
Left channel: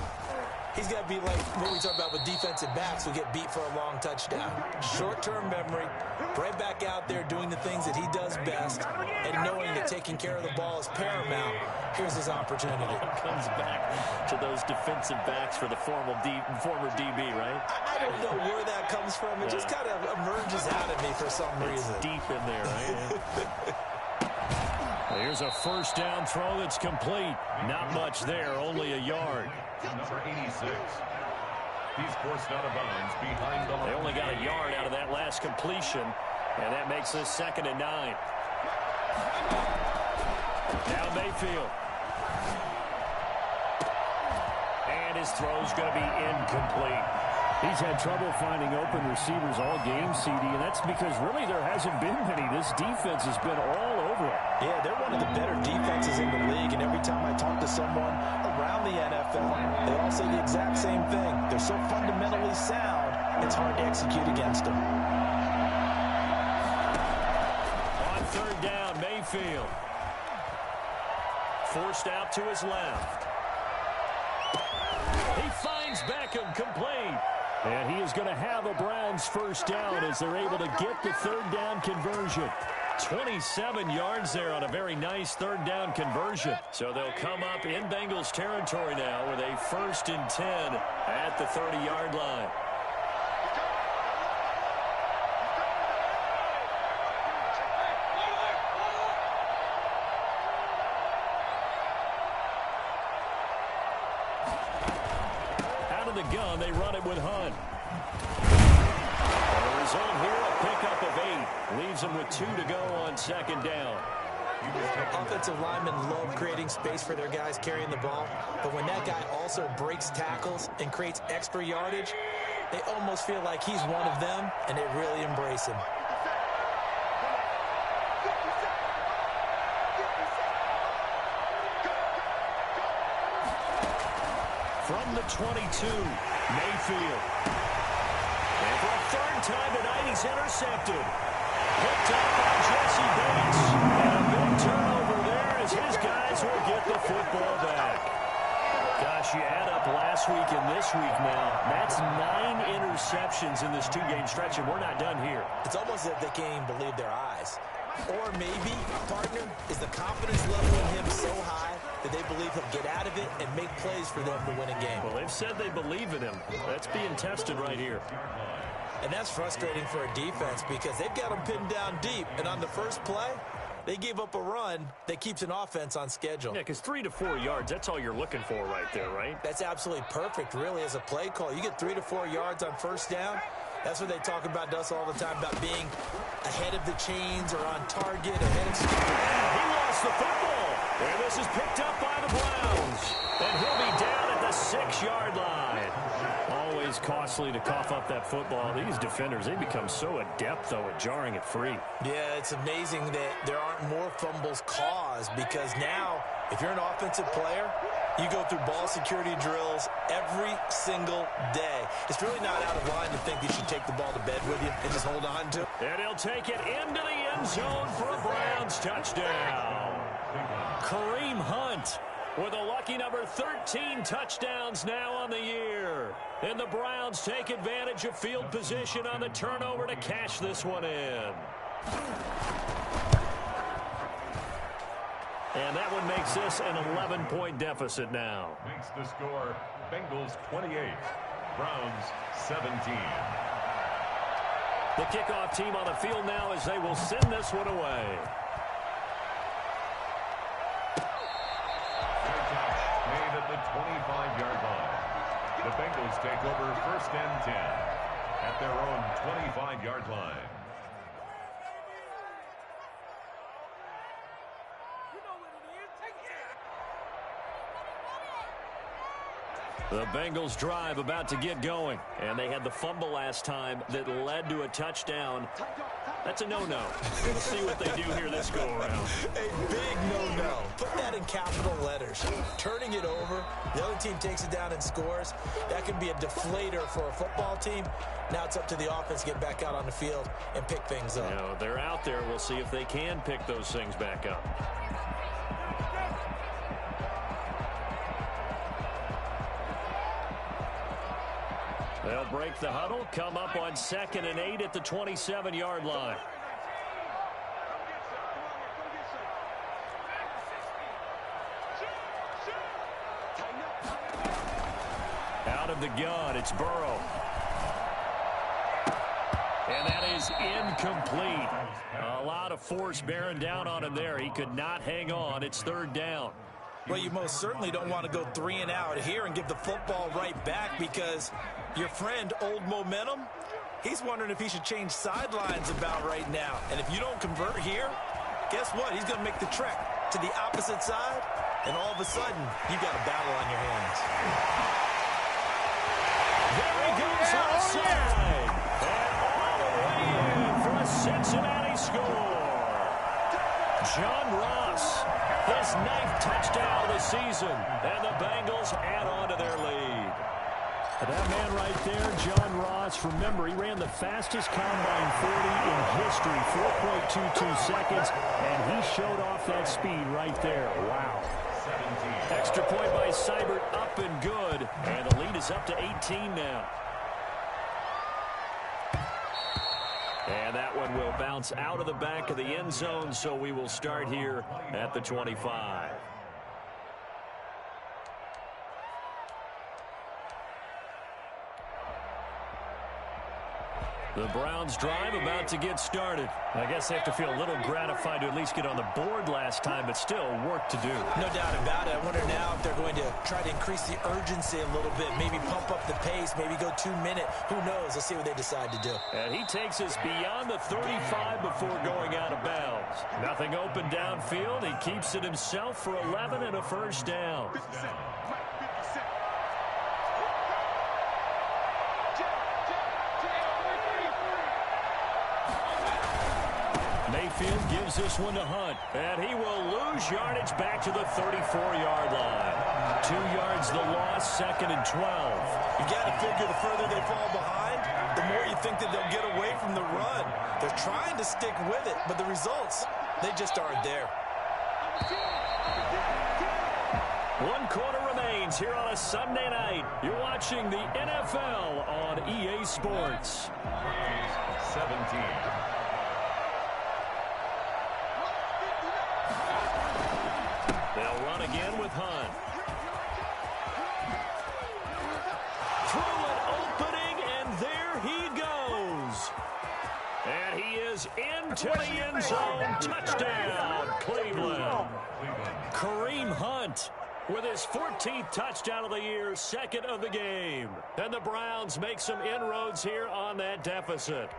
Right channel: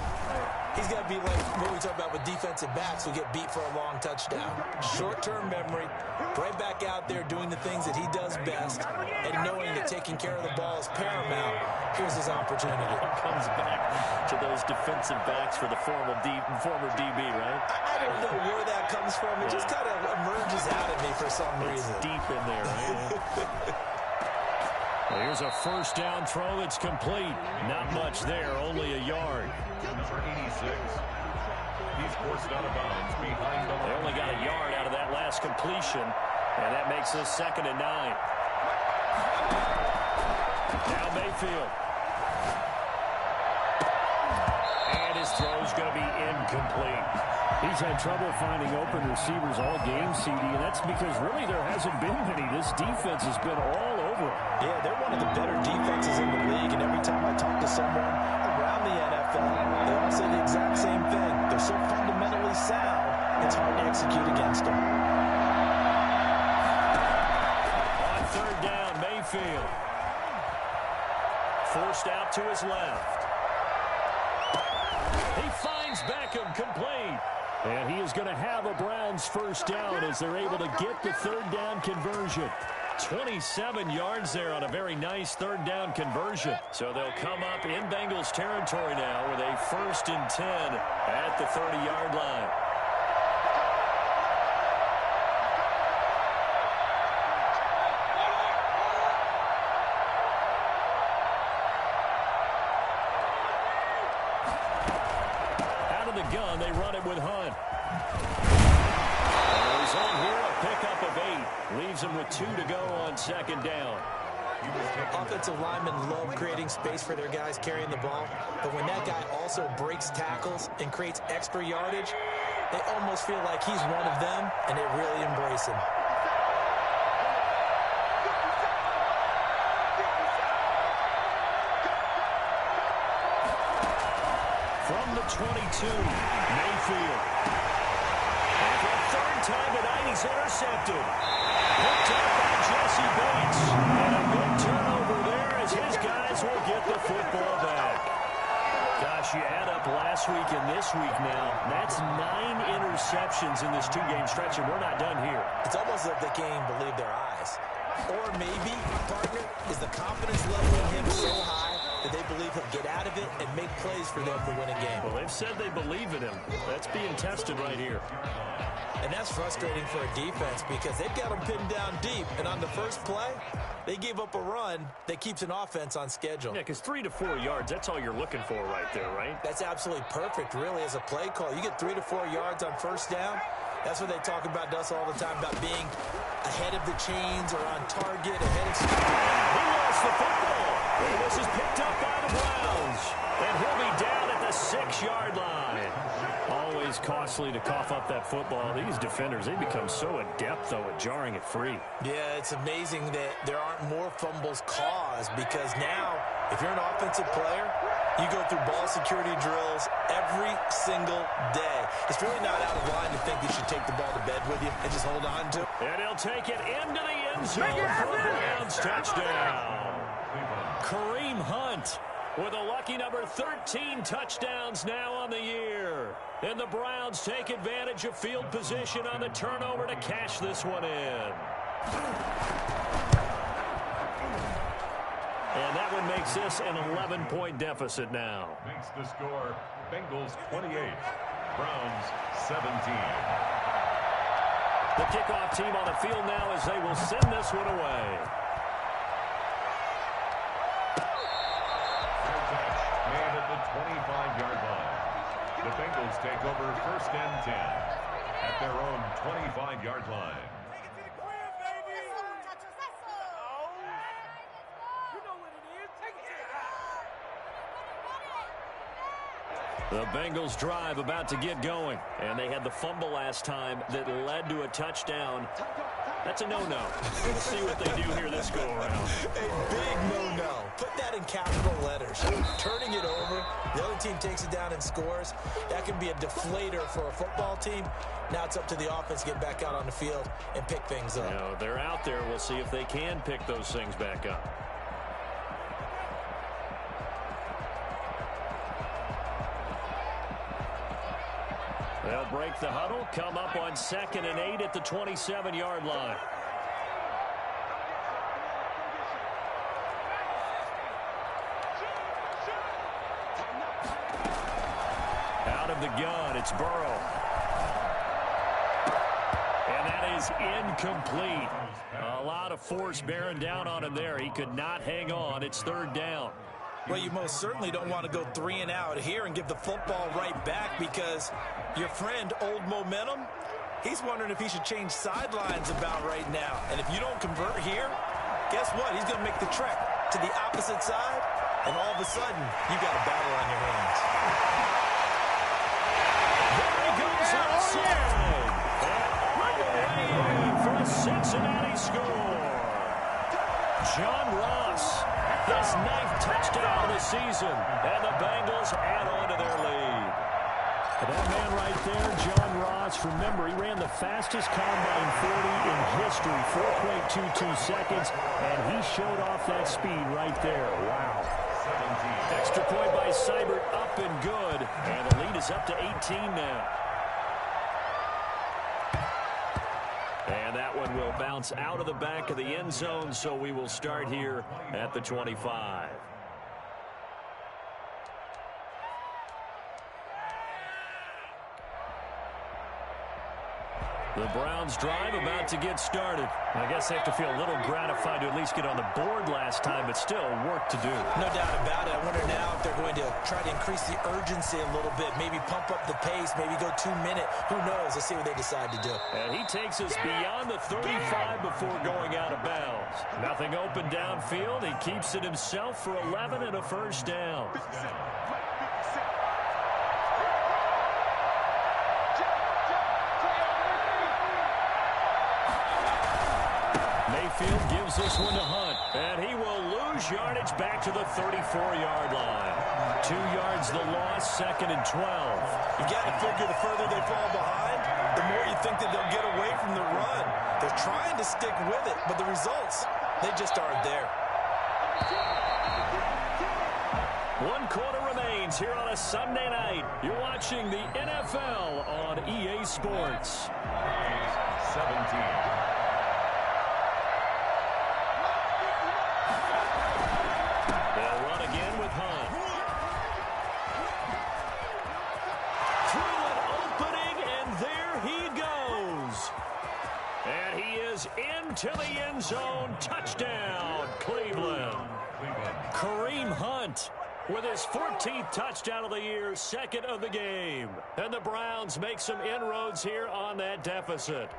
he's got to be like what we talk about with defensive backs who get beat for a long touchdown. Short-term memory, right back out there doing the things that he does best, and knowing that taking care of the ball is paramount. Here's his opportunity. Comes back to those defensive backs for the former DB, right? I don't know where that comes from. It just kind of emerges out of me for some reason. Deep in there, right? Here's a first down throw that's complete. Not much there, only a yard. Number 86. He's forced out of bounds behind the line. They only got a yard out of that last completion, and that makes this 2nd and 9. Now Mayfield. And his throw's going to be incomplete. He's had trouble finding open receivers all game, CD, and that's because really there hasn't been many. This defense has been all over him. Yeah, they're one of the better defenses in the league, and every time I talk to someone around the NFL, they all say the exact same thing. They're so fundamentally sound, it's hard to execute against them. On 3rd down, Mayfield. Forced out to his left. He finds Beckham, complete. And he is going to have a Browns first down as they're able to get the 3rd down conversion. 27 yards there on a very nice 3rd down conversion. So they'll come up in Bengals territory now with a 1st and 10 at the 30-yard line. The gun, they run it with Hunt. And the result here, a pickup of 8. Leaves them with 2 to go on 2nd down. Offensive linemen love creating space for their guys carrying the ball, but when that guy also breaks tackles and creates extra yardage, they almost feel like he's one of them, and they really embrace him. From the 22, Mayfield. And for a 3rd time tonight, he's intercepted. Picked up by Jesse Bates. And a big turnover there as his guys will get the football back. Gosh, you add up last week and this week now. That's 9 interceptions in this 2-game stretch, and we're not done here. It's almost like they can't even believe their eyes. Or maybe, partner, is the confidence level in him so high that they believe he'll get out of it and make plays for them to win a game. Well, they've said they believe in him. That's being tested right here. And that's frustrating for a defense because they've got him pinned down deep. And on the first play, they gave up a run that keeps an offense on schedule. Yeah, because 3 to 4 yards, that's all you're looking for right there, right? That's absolutely perfect, really, as a play call. You get 3 to 4 yards on 1st down. That's what they talk about to us all the time, about being ahead of the chains or on target, ahead of... He lost the football. And this is picked up by the Browns. And he'll be down at the 6-yard line. Always costly to cough up that football. These defenders, they become so adept, though, at jarring it free. Yeah, it's amazing that there aren't more fumbles caused because now, if you're an offensive player, you go through ball security drills every single day. It's really not out of line to think you should take the ball to bed with you and just hold on to it. And he'll take it into the end zone for a Browns touchdown. Kareem Hunt with a lucky number 13 touchdowns now on the year. And the Browns take advantage of field position on the turnover to cash this one in. And that one makes this an 11-point deficit now. Makes the score Bengals 28, Browns 17. The kickoff team on the field now as they will send this one away. Fair catch made at the 25-yard line. The Bengals take over 1st and 10 at their own 25-yard line. The Bengals drive about to get going, and they had the fumble last time that led to a touchdown. That's a no-no. We'll see what they do here this go-around. A big no-no. Put that in capital letters. Turning it over, the other team takes it down and scores. That can be a deflator for a football team. Now it's up to the offense to get back out on the field and pick things up. You know, they're out there. We'll see if they can pick those things back up. They'll break the huddle, come up on 2nd and 8 at the 27-yard line. Out of the gun, it's Burrow. And that is incomplete. A lot of force bearing down on him there. He could not hang on. It's third down. Well, you most certainly don't want to go 3 and out here and give the football right back, because your friend, Old Momentum, he's wondering if he should change sidelines about right now. And if you don't convert here, guess what? He's going to make the trek to the opposite side, and all of a sudden, you got a battle on your hands. There he goes outside. And all the way in for a Cincinnati score. John Ross, his 9th touchdown of the season, and the Bengals add on to their lead. And that man right there, John Ross, remember, he ran the fastest combine 40 in history, 4.22 seconds, and he showed off that speed right there. Wow. 17. Extra point by Seibert, up and good, and the lead is up to 18 now. And that one will bounce out of the back of the end zone, so we will start here at the 25. The Browns drive about to get started. I guess they have to feel a little gratified to at least get on the board last time, but still work to do. No doubt about it. I wonder now if they're going to try to increase the urgency a little bit, maybe pump up the pace, maybe go 2-minute. Who knows? Let's see what they decide to do. And he takes us beyond the 35 before going out of bounds. Nothing open downfield. He keeps it himself for 11 and a first down. Mayfield gives this one to Hunt, and he will lose yardage back to the 34-yard line. 2 yards the loss, 2nd and 12. You got to figure the further they fall behind, the more you think that they'll get away from the run. They're trying to stick with it, but the results, they just aren't there. 1 quarter remains here on a Sunday night. You're watching the NFL on EA Sports. 17. They'll run again with Hunt. Through an opening, and there he goes. And he is into the end zone. Touchdown, Cleveland. Kareem Hunt with his 14th touchdown of the year, 2nd of the game. And the Browns make some inroads here on that deficit.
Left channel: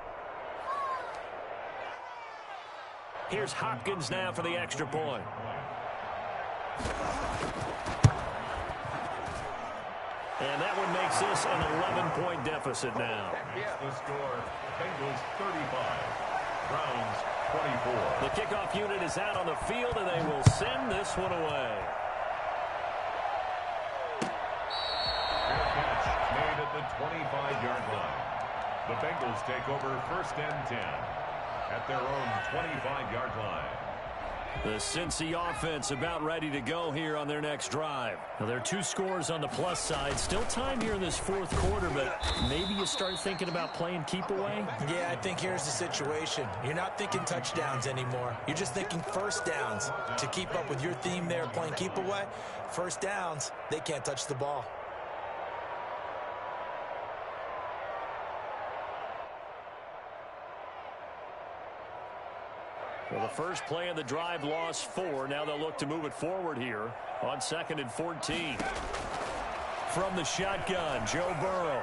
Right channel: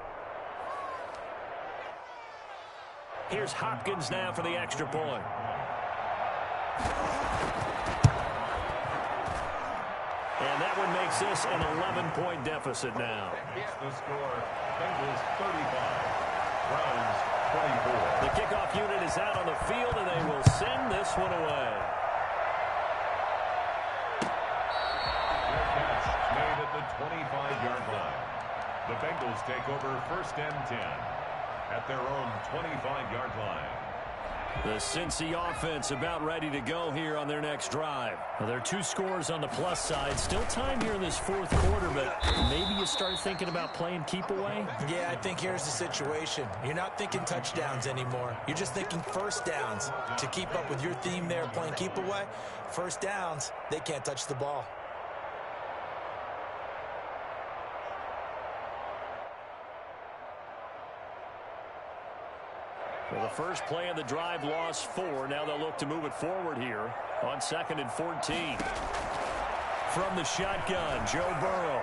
Here's Hopkins now for the extra point. And that one makes this an 11-point deficit now. The score, Bengals 35, Browns 24. The kickoff unit is out on the field, and they will send this one away. Fair catch made at the 25-yard line. The Bengals take over 1st and 10 at their own 25-yard line. The Cincy offense about ready to go here on their next drive. Now, there are 2 scores on the plus side. Still time here in this 4th quarter, but maybe you start thinking about playing keep away? Yeah, I think here's the situation. You're not thinking touchdowns anymore. You're just thinking first downs. To keep up with your theme there, playing keep away, first downs, they can't touch the ball. Well, the first play of the drive lost 4. Now they'll look to move it forward here on 2nd and 14. From the shotgun, Joe Burrow.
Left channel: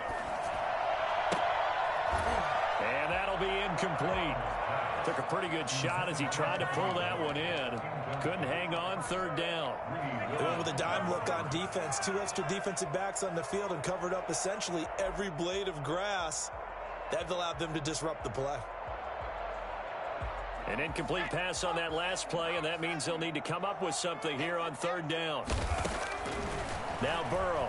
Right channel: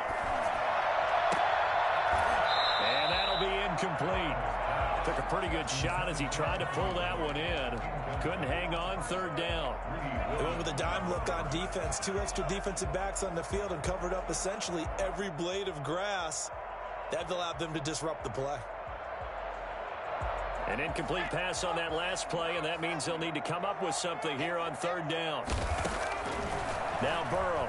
And that'll be incomplete. Took a pretty good shot as he tried to pull that one in. Couldn't hang on, 3rd down. They went with a dime look on defense. 2 extra defensive backs on the field and covered up essentially every blade of grass. That allowed them to disrupt the play. An incomplete pass on that last play, and that means they'll need to come up with something here on 3rd down. Now Burrow.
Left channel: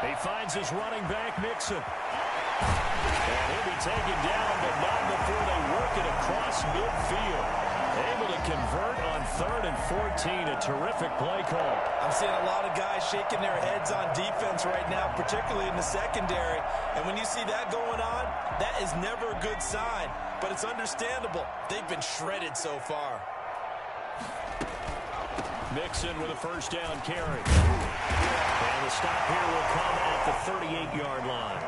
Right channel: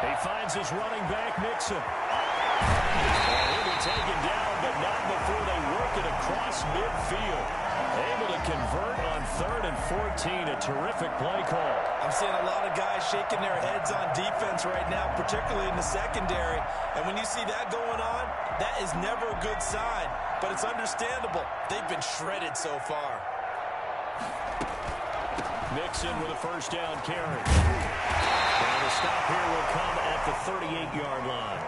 He finds his running back, Mixon. And he'll be taken down, but not before they work it across midfield. Able to convert on 3rd and 14. A terrific play call. I'm seeing a lot of guys shaking their heads on defense right now, particularly in the secondary. And when you see that going on, that is never a good sign. But it's understandable. They've been shredded so far. Mixon with a first down carry. And the stop here will come at the 38-yard line.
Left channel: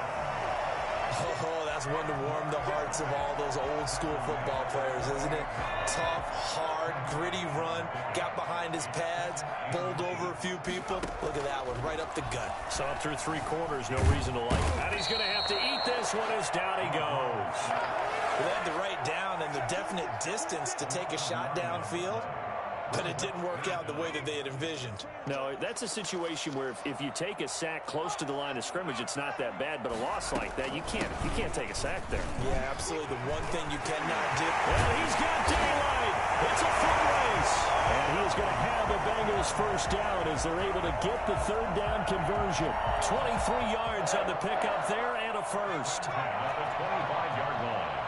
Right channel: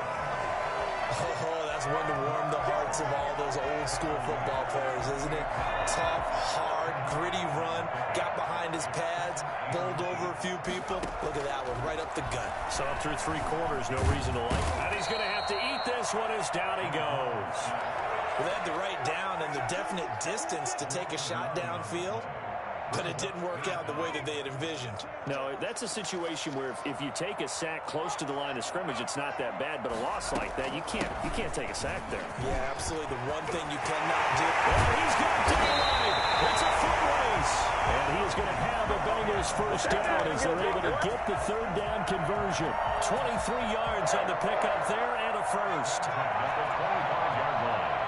Oh, that's one to warm the hearts of all those old school football players, isn't it? Tough, hard, gritty run, got behind his pads, bowled over a few people. Look at that one, right up the gut. Saw through 3 quarters, no reason to like it. And he's going to have to eat this one as down he goes. Well, they had the right down and the definite distance to take a shot downfield, but it didn't work out the way that they had envisioned. No, that's a situation where if you take a sack close to the line of scrimmage, it's not that bad, but a loss like that, you can't take a sack there. Yeah, absolutely. The one thing you cannot do. And he's got daylight. It's a foot race. And he is going to have a Bengals first down as they're able to get the third down conversion. 23 yards on the pickup there and a first. At the 25-yard line.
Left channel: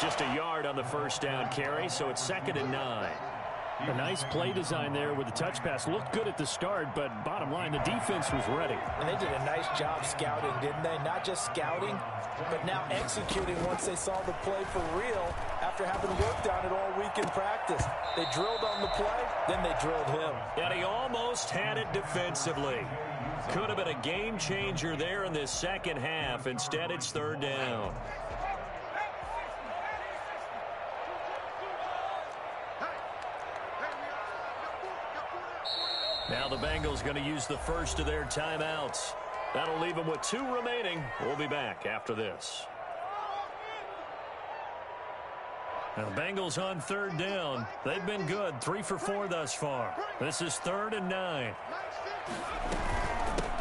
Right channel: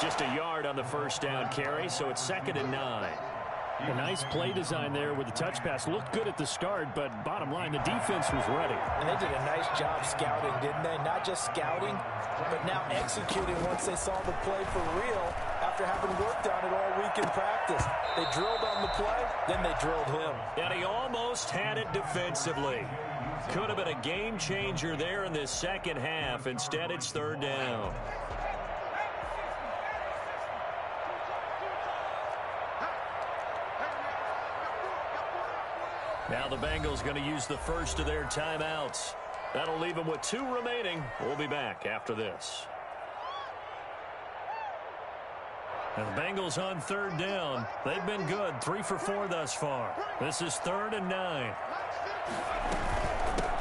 Just a yard on the first down carry, so it's 2nd and 9. A nice play design there with the touch pass. Looked good at the start, but bottom line, the defense was ready. And they did a nice job scouting, didn't they? Not just scouting, but now executing once they saw the play for real after having worked on it all week in practice. They drilled on the play, then they drilled him. And he almost had it defensively. Could have been a game changer there in this second half. Instead, it's 3rd down. Now the Bengals going to use the first of their timeouts. That'll leave them with 2 remaining. We'll be back after this. Now the Bengals on 3rd down. They've been good, 3 for 4 thus far. This is 3rd and 9.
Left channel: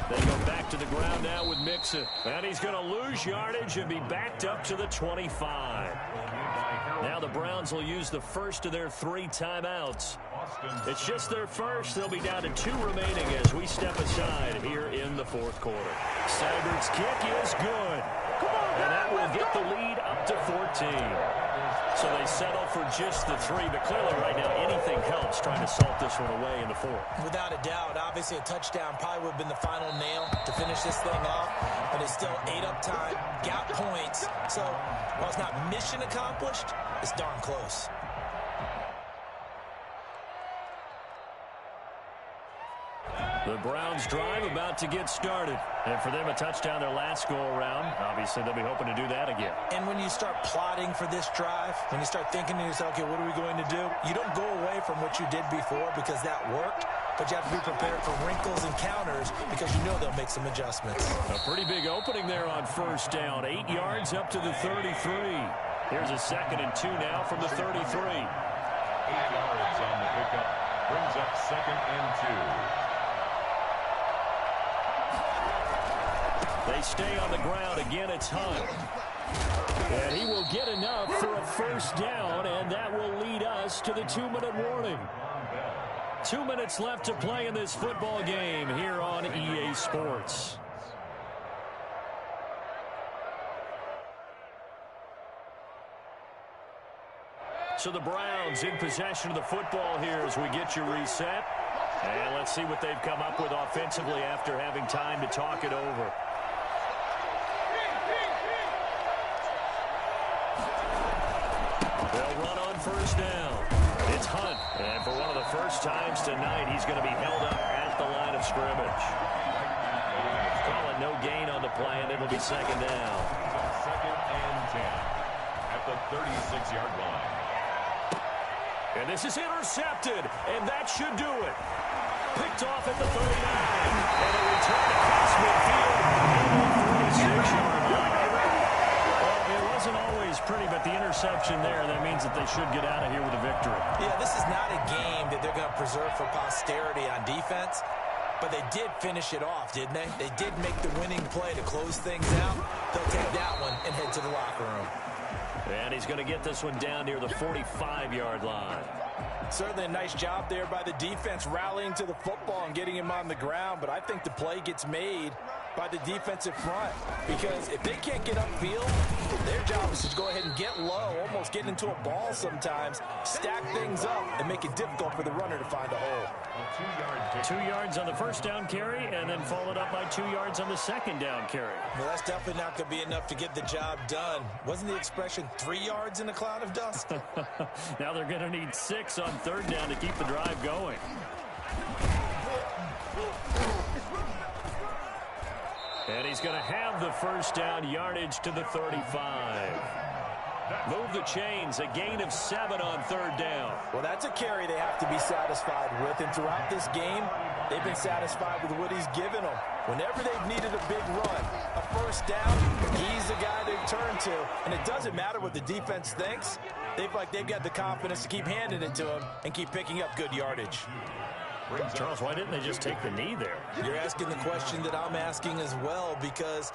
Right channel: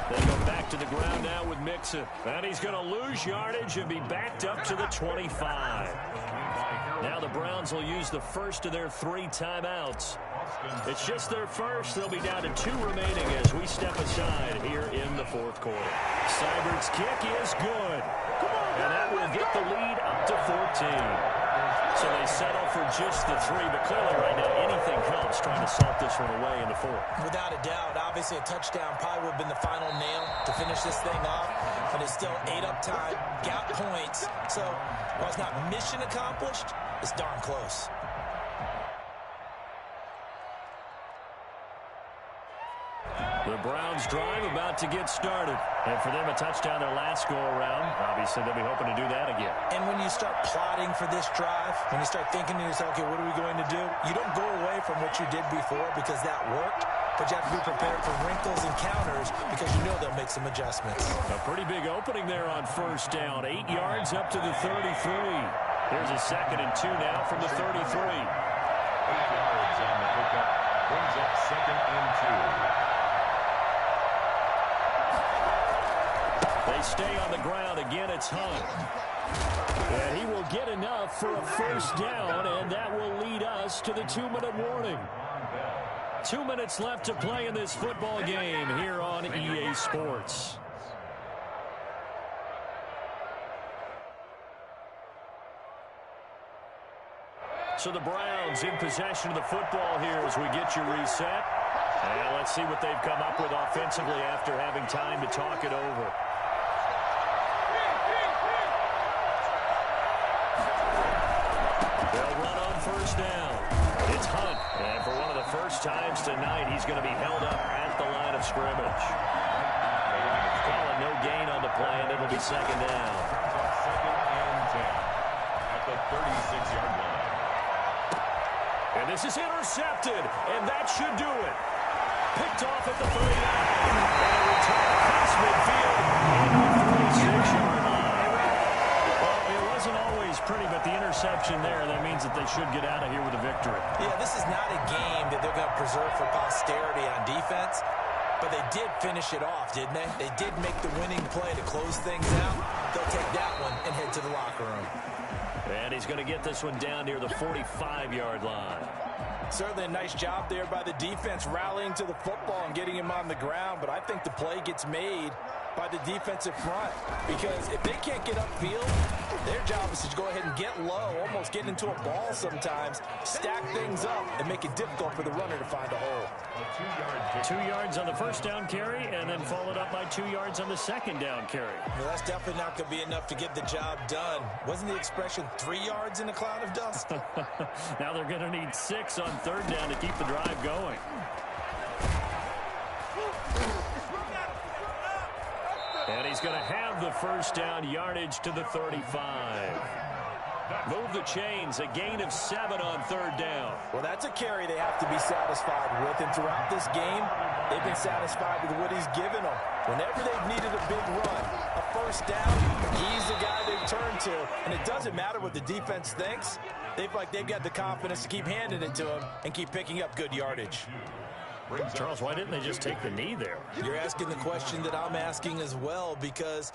They go back to the ground now with Mixon. And he's going to lose yardage and be backed up to the 25. Now the Browns will use the first of their 3 timeouts. It's just their first. They'll be down to 2 remaining as we step aside here in the 4th quarter. Seibert's kick is good. And that will get the lead up to 14. So they settle for just the 3, but clearly right now anything helps trying to salt this one away in the 4th. Without a doubt, obviously a touchdown probably would have been the final nail to finish this thing off, but it's still ate up time, got points. So while it's not mission accomplished, it's darn close. The Browns drive about to get started. And for them, a touchdown their last go-around. Obviously, they'll be hoping to do that again. And when you start plotting for this drive, when you start thinking to yourself, okay, what are we going to do? You don't go away from what you did before because that worked, but you have to be prepared for wrinkles and counters because you know they'll make some adjustments. A pretty big opening there on first down. 8 yards up to the 33. Here's a 2nd and 2 now from the 33. 8 yards on the pickup. Brings up 2nd and 2. They stay on the ground. Again, it's Hunt. And he will get enough for a first down, and that will lead us to the 2-minute warning. 2 minutes left to play in this football game here on EA Sports. So the Browns in possession of the football here as we get you reset. And let's see what they've come up with offensively after having time to talk it over. They'll run on first down. It's Hunt. And for one of the first times tonight, he's going to be held up at the line of scrimmage. Calling no gain on the play, and it'll be 2nd down. 2nd and 10 at the 36-yard line. And this is intercepted, and that should do it. Picked off at the 39. And a return across midfield and on 46-yard line. Well, it wasn't always pretty, but the interception there, that means that they should get out of here with a victory. Yeah, this is not a game that they're going to preserve for posterity on defense, but they did finish it off, didn't they? They did make the winning play to close things out. They'll take that one and head to the locker room. And he's going to get this one down near the 45-yard line. Certainly a nice job there by the defense rallying to the football and getting him on the ground, but I think the play gets made by the defensive front, because if they can't get upfield, their job is to go ahead and get low, almost get into a ball sometimes, stack things up, and make it difficult for the runner to find a hole. 2 yards on the first down carry, and then followed up by 2 yards on the second down carry. Well, that's definitely not going to be enough to get the job done. Wasn't the expression 3 yards in a cloud of dust? Now they're going to need 6 on third down to keep the drive going. And he's going to have the first down, yardage to the 35. Move the chains, a gain of 7 on third down. Well, that's a carry they have to be satisfied with, and throughout this game, they've been satisfied with what he's given them. Whenever they've needed a big run, a first down, he's the guy they've turned to, and it doesn't matter what the defense thinks. They've got the confidence to keep handing it to him and keep picking up good yardage. Charles, why didn't they just take the knee there? You're asking the question that I'm asking as well, because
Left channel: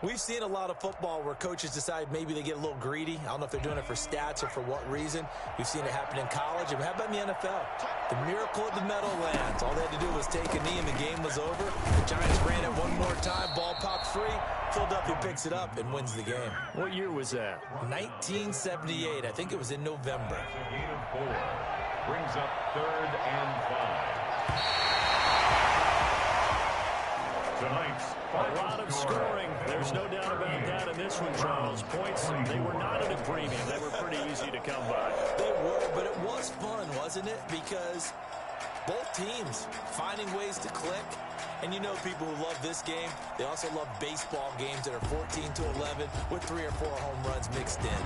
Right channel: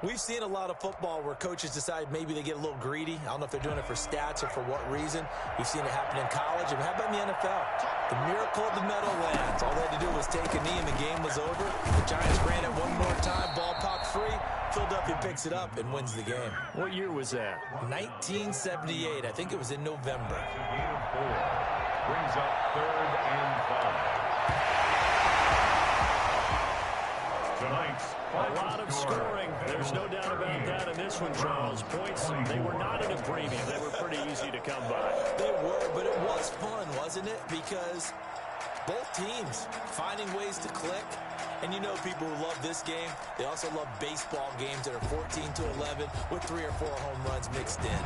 we've seen a lot of football where coaches decide maybe they get a little greedy. I don't know if they're doing it for stats or for what reason. We've seen it happen in college. And how about in the NFL? The miracle of the Meadowlands. All they had to do was take a knee and the game was over. The Giants ran it one more time. Ball popped free. Philadelphia picks it up and wins the game. What year was that? 1978. I think it was in November. A gain of 4. Brings up 3rd and 5. Tonight's a lot of scoring. There's no doubt about that in this one, Charles. Points, they were not at a premium. They were pretty easy to come by. They were, but it was fun, wasn't it? Because both teams finding ways to click. And you know people who love this game, they also love baseball games that are 14-11 with 3 or 4 home runs mixed in.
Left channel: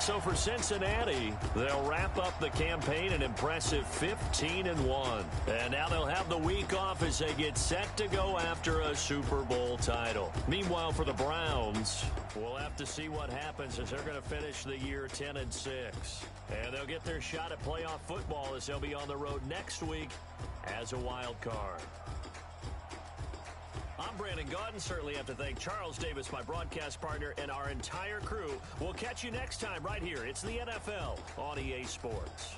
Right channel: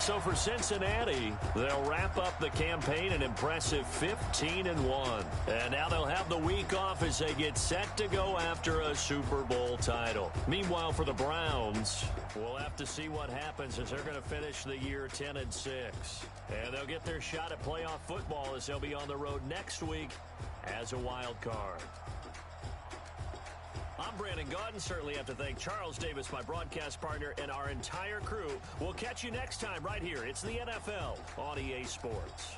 So for Cincinnati, they'll wrap up the campaign an impressive 15-1. And now they'll have the week off as they get set to go after a Super Bowl title. Meanwhile, for the Browns, we'll have to see what happens as they're going to finish the year 10-6. And they'll get their shot at playoff football as they'll be on the road next week as a wild card. I'm Brandon Gaudin. Certainly have to thank Charles Davis, my broadcast partner, and our entire crew. We'll catch you next time right here. It's the NFL on EA Sports.